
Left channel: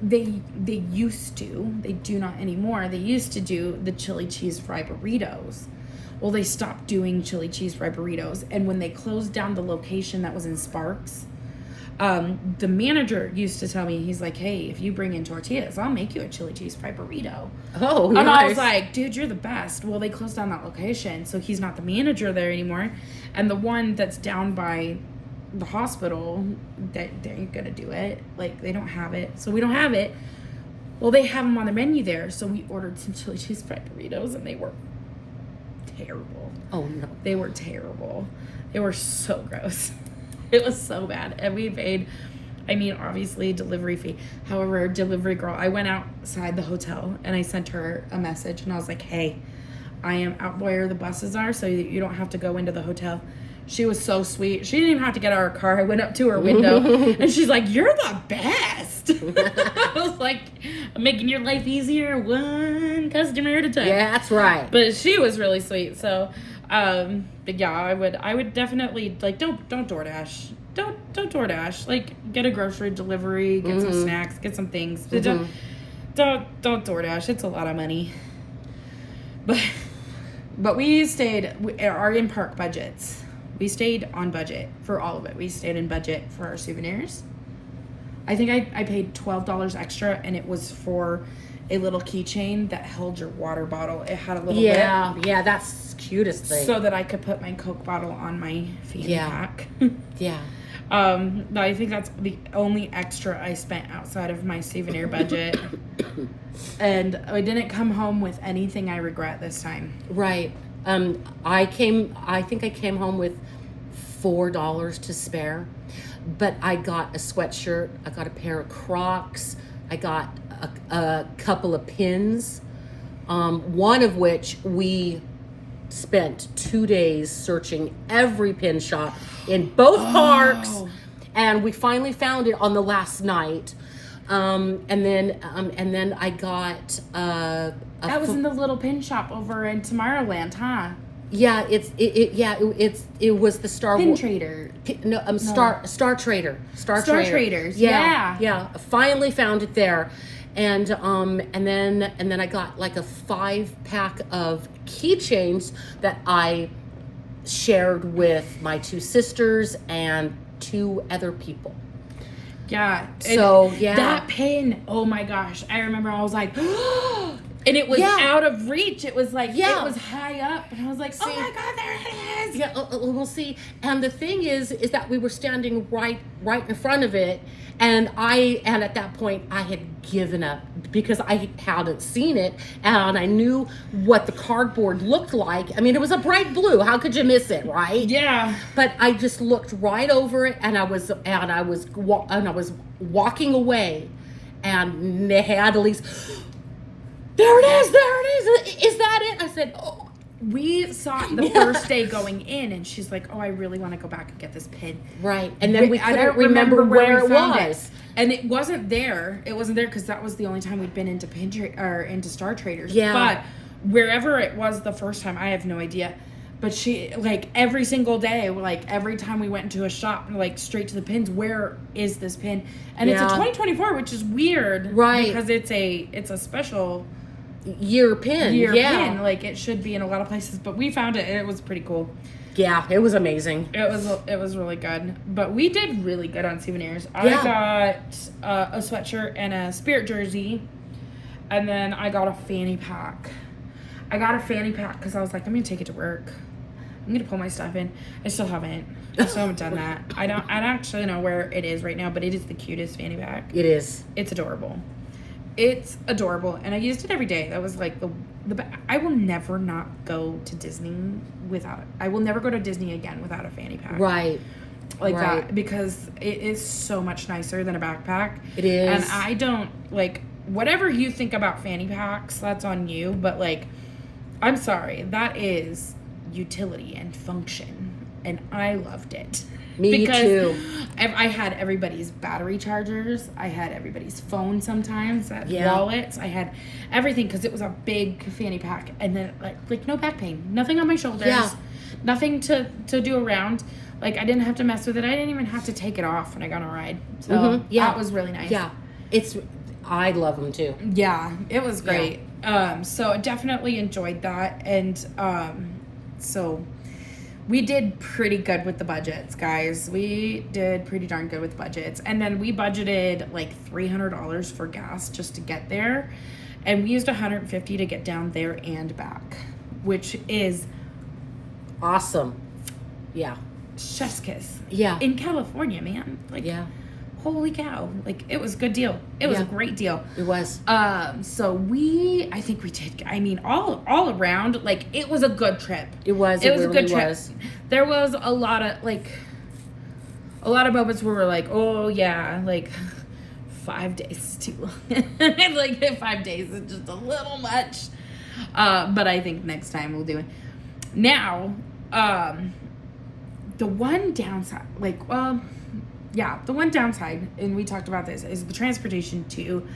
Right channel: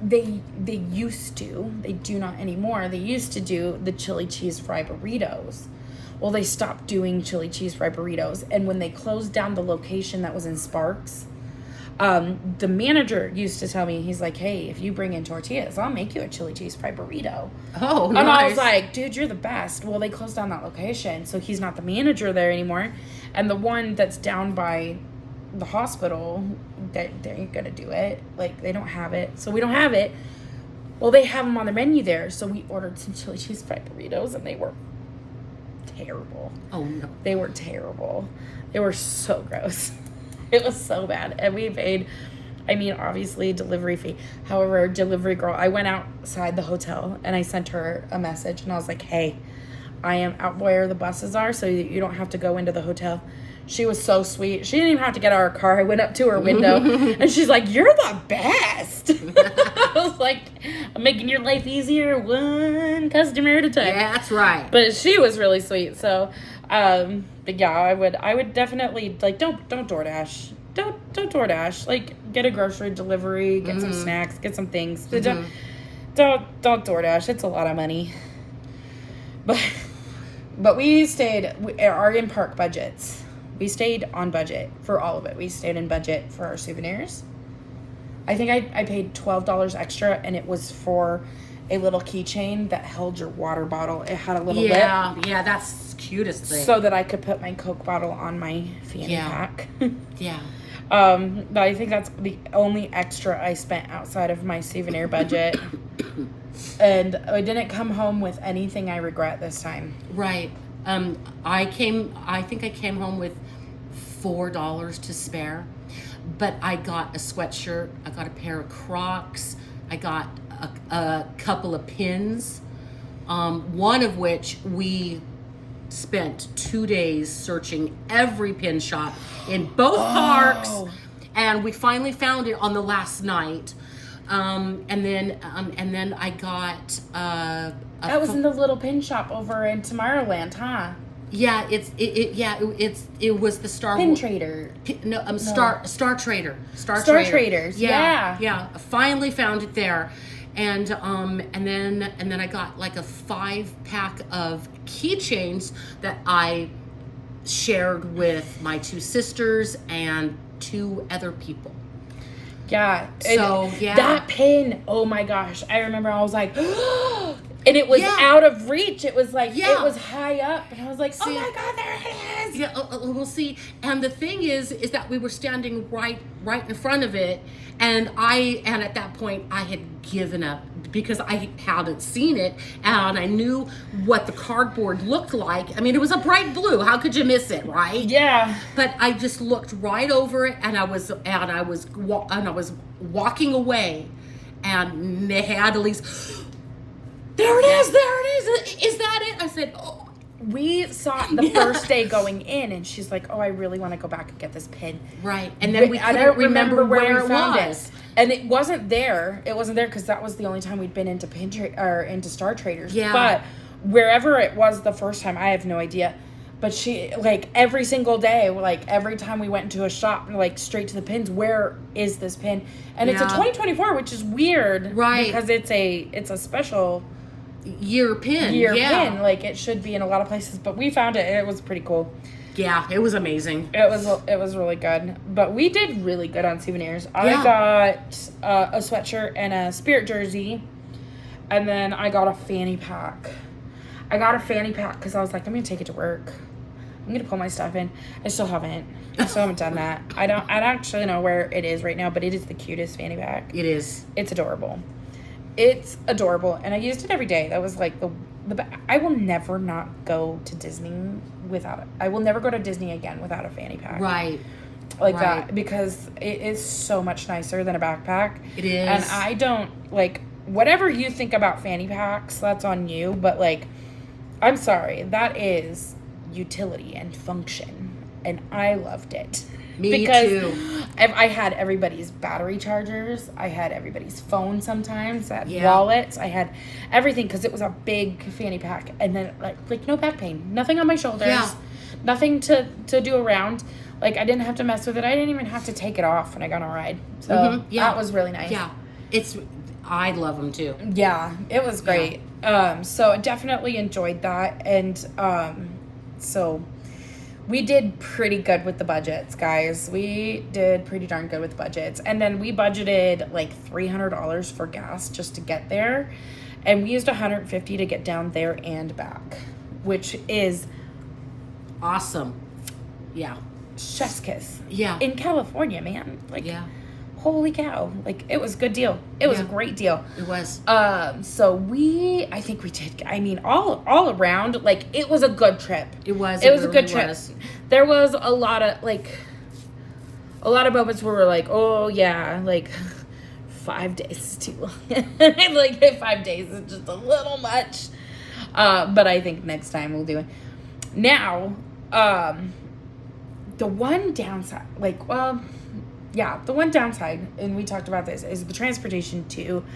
they used to, they do not anymore, they used to do the chili cheese fry burritos. Well, they stopped doing chili cheese fry burritos, and when they closed down the location that was in Sparks, the manager used to tell me, he's like, hey, if you bring in tortillas, I'll make you a chili cheese fry burrito. Oh, nice. And I was nice. like, dude, you're the best. Well, they closed down that location, so he's not the manager there anymore. And the one that's down by the hospital, they ain't gonna do it. Like, they don't have it, so we don't have it. Well, they have them on the menu there, so we ordered some chili cheese fry burritos, and they were terrible. Oh, no. They were terrible. They were so gross. It was so bad. And we paid, I mean, obviously, delivery fee. However, delivery girl, I went outside the hotel and I sent her a message, and I was like, hey, I am out where the buses are, so that you don't have to go into the hotel. She was so sweet. She didn't even have to get out of her car. I went up to her window and she's like, you're the best. I was like, I'm making your life easier one customer at a time. Yeah, that's right. But she was really sweet. So, but yeah, I would definitely, like, don't DoorDash. Don't DoorDash. Like, get a grocery delivery, get some snacks, get some things. Don't DoorDash. It's a lot of money. But we stayed, our in-park budgets. We stayed on budget for all of it. We stayed in budget for our souvenirs. I think I paid $12 extra, and it was for a little keychain that held your water bottle. It had a little bit. Yeah, that's the cutest thing. So that I could put my Coke bottle on my fanny pack. Yeah. But I think that's the only extra I spent outside of my souvenir budget. And I didn't come home with anything I regret this time. Right. I think I came home with $4 to spare, but I got a sweatshirt, I got a pair of Crocs, I got a couple of pins, one of which we spent 2 days searching every pin shop in both parks, and we finally found it on the last night. And then I got that was in the little pin shop over in Tomorrowland, huh? Yeah, it was the Star Pin Wars Trader. Star Trader. Star Traders. Yeah. I finally found it there. And then I got like a 5-pack of keychains that I shared with my 2 sisters and 2 other people. Yeah. So, yeah. That pin, oh my gosh. I remember I was like, and it was out of reach. It was like, it was high up. And I was like, oh my God, there it is. Yeah, we'll see. And the thing is that we were standing right in front of it. And at that point, I had given up because I hadn't seen it, and I knew what the cardboard looked like. I mean, it was a bright blue. How could you miss it, right? Yeah. But I just looked right over it, and I was walking away, and they had at least, There it is. There it is. Is that it? I said, oh. We saw it the first day going in, and she's like, "Oh, I really want to go back and get this pin." Right, and then I don't remember where it found was, and it wasn't there. It wasn't there because that was the only time we'd been into into Star Traders. Yeah, but wherever it was the first time, I have no idea. But she, like, every single day, like, every time we went into a shop, like, straight to the pins, where is this pin? And it's a 2024, which is weird, right? Because it's a special year pin. Pin. Like, it should be in a lot of places, but we found it and it was pretty cool. Yeah, it was amazing. It was really good. But we did really good on souvenirs. I got a sweatshirt and a Spirit jersey, and then I got a fanny pack. I got a fanny pack because I was like, I'm gonna take it to work. I'm gonna pull my stuff in. I still haven't done that. I don't actually know where it is right now, but it is the cutest fanny pack. It is. It's adorable. It's adorable, and I used it every day. That was like the I will never not go to Disney without it. I will never go to Disney again without a fanny pack. Right. Like that, because it is so much nicer than a backpack. It is. And I don't, like, whatever you think about fanny packs, that's on you, but, like, I'm sorry, that is utility and function, and I loved it. Me too. I had everybody's battery chargers. I had everybody's phone sometimes. I had wallets. I had everything because it was a big fanny pack. And then, like no back pain. Nothing on my shoulders. Yeah. Nothing to do around. Like, I didn't have to mess with it. I didn't even have to take it off when I got on a ride. So, that was really nice. Yeah. I love them too. Yeah, it was great. Yeah. So I definitely enjoyed that. And so we did pretty good with the budgets, guys. We did pretty darn good with the budgets. And then we budgeted like $300 for gas just to get there. And we used $150 to get down there and back, which is awesome. Yeah. Chef's kiss. Yeah. In California, man. Like, holy cow. Like, it was a good deal. It was a great deal. It was. So I think we did, I mean, all around, like, it was a good trip. It was. It was a good trip. There was a lot of moments where we're like, oh yeah, like 5 days is too long. Like 5 days is just a little much. But I think next time we'll do it. Now, the one downside, the one downside, and we talked about this, is the transportation too.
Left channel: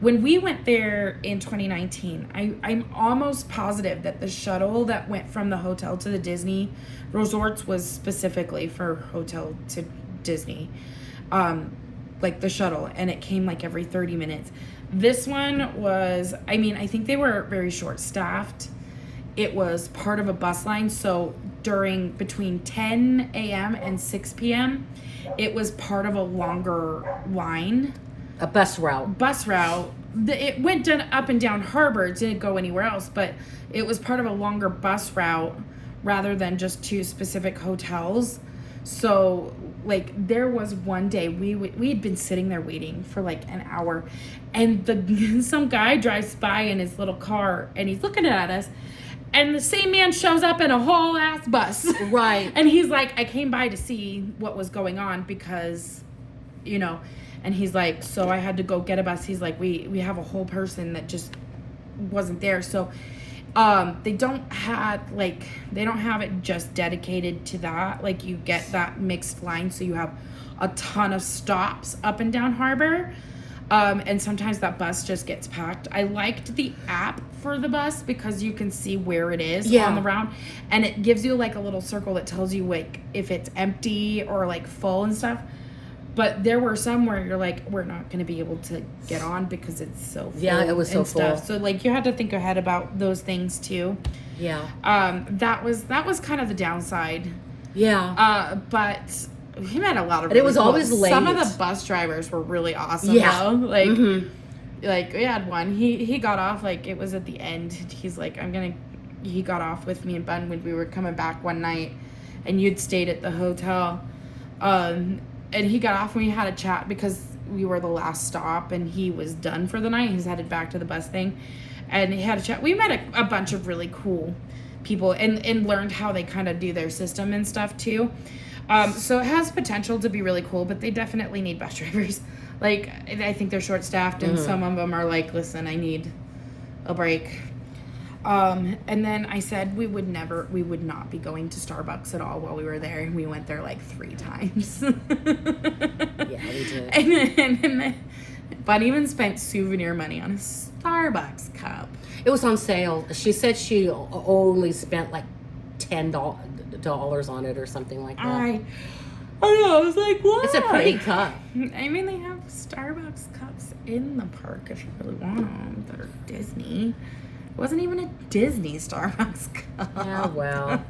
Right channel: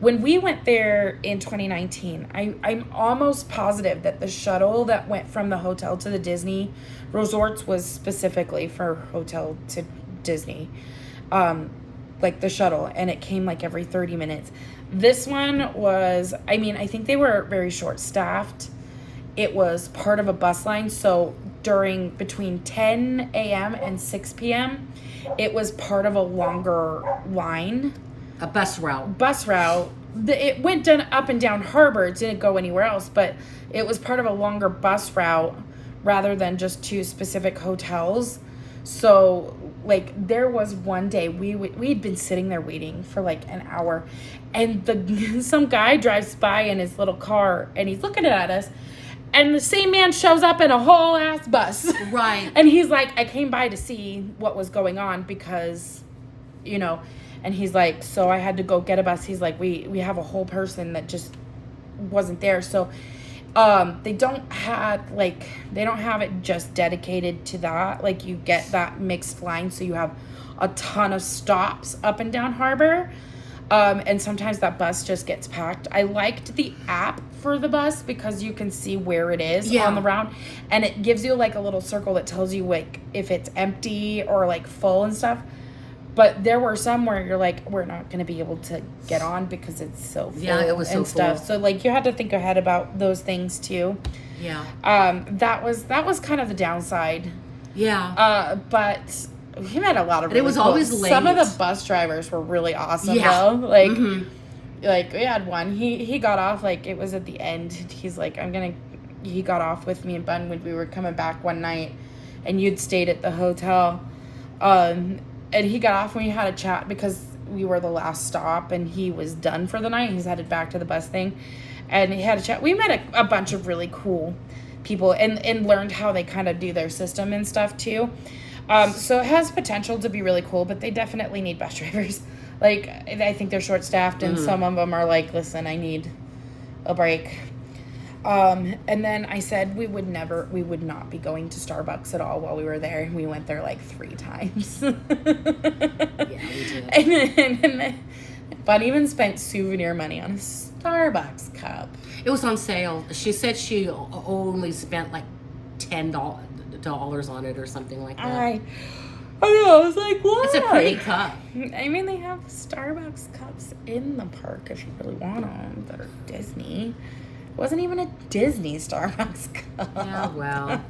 When we went there in 2019, I'm almost positive that the shuttle that went from the hotel to the Disney resorts was specifically for hotel to Disney. Like the shuttle, and it came like every 30 minutes. This one was, I mean, I think they were very short-staffed. It was part of a bus line, so between 10 a.m. and 6 p.m., it was part of a longer line. A bus route. It went up and down Harbor. It didn't go anywhere else, but it was part of a longer bus route rather than just to specific hotels. So, like, there was one day we had been sitting there waiting for like an hour, and some guy drives by in his little car, and he's looking at us, and the same man shows up in a whole ass bus. Right. And he's like, I came by to see what was going on because, and he's like, so I had to go get a bus. He's like, we have a whole person that just wasn't there. So they don't have it just dedicated to that. Like, you get that mixed line, so you have a ton of stops up and down Harbor. And sometimes that bus just gets packed. I liked the app for the bus because you can see where it is on the route, and it gives you like a little circle that tells you like if it's empty or like full and stuff. But there were some where you're like, we're not going to be able to get on because it's so full. Yeah, it was so full. So like you had to think ahead about those things too. Yeah. That was kind of the downside. Yeah. But we met a lot of. But it was always late. Some of the bus drivers were really awesome though. Like, like we had one. He got off, like, it was at the end. He's like, he got off with me and Bun when we were coming back one night, and you'd stayed at the hotel. And he got off and we had a chat because we were the last stop, and he was done for the night. He's headed back to the bus thing, and he had a chat. We met a bunch of really cool people and learned how they kind of do their system and stuff too. So it has potential to be really cool, but they definitely need bus drivers. Like, I think they're short-staffed, and some of them are like, listen, I need a break. And then I said we would not be going to Starbucks at all while we were there. And we went there like 3 times. Yeah, we did. And then Bunny even spent souvenir money on a Starbucks cup. It was on sale. She said she only spent like $10 on it or something like that. I know. I was like, what? It's a pretty cup. I mean, they have Starbucks cups in the park if you really want them. That are Disney. It wasn't even a Disney Starbucks cup. Yeah, well.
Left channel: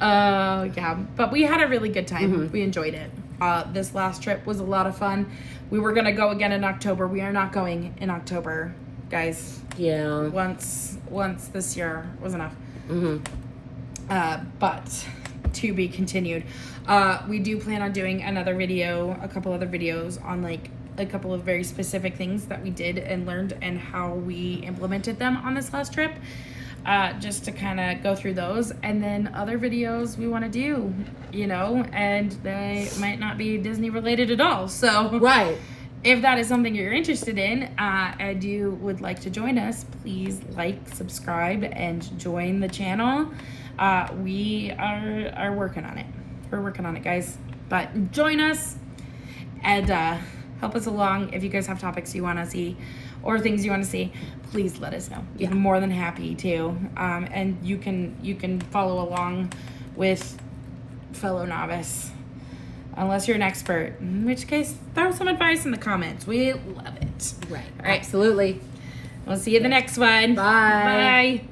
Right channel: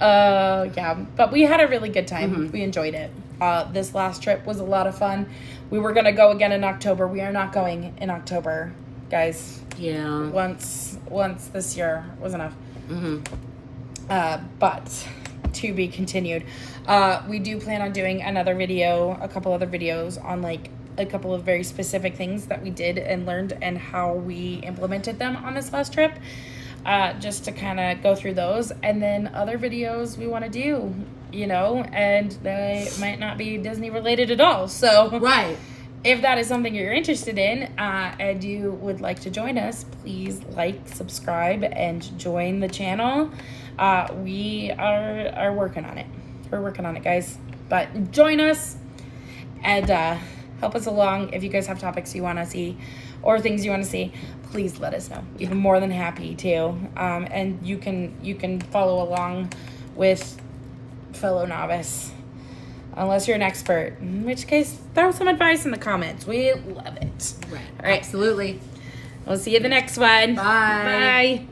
Yeah, but we had a really good time. Mm-hmm. We enjoyed it. This last trip was a lot of fun. We were gonna go again in October. We are not going in October, guys. Yeah. Once this year was enough. Mm-hmm. But to be continued. We do plan on doing a couple other videos on like a couple of very specific things that we did and learned and how we implemented them on this last trip. Just to kind of go through those, and then other videos we want to do, and they might not be Disney related at all. So Right. if that is something you're interested in, and you would like to join us, please like, subscribe, and join the channel. We are working on it. We're working on it, guys. But join us and help us along. If you guys have topics you want to see or things you want to see, please let us know. Yeah. We're more than happy to. And you can follow along with fellow novice. Unless you're an expert, in which case, throw some advice in the comments. We love it. Right. All right. Absolutely. We'll see you in the next one. Bye. Bye.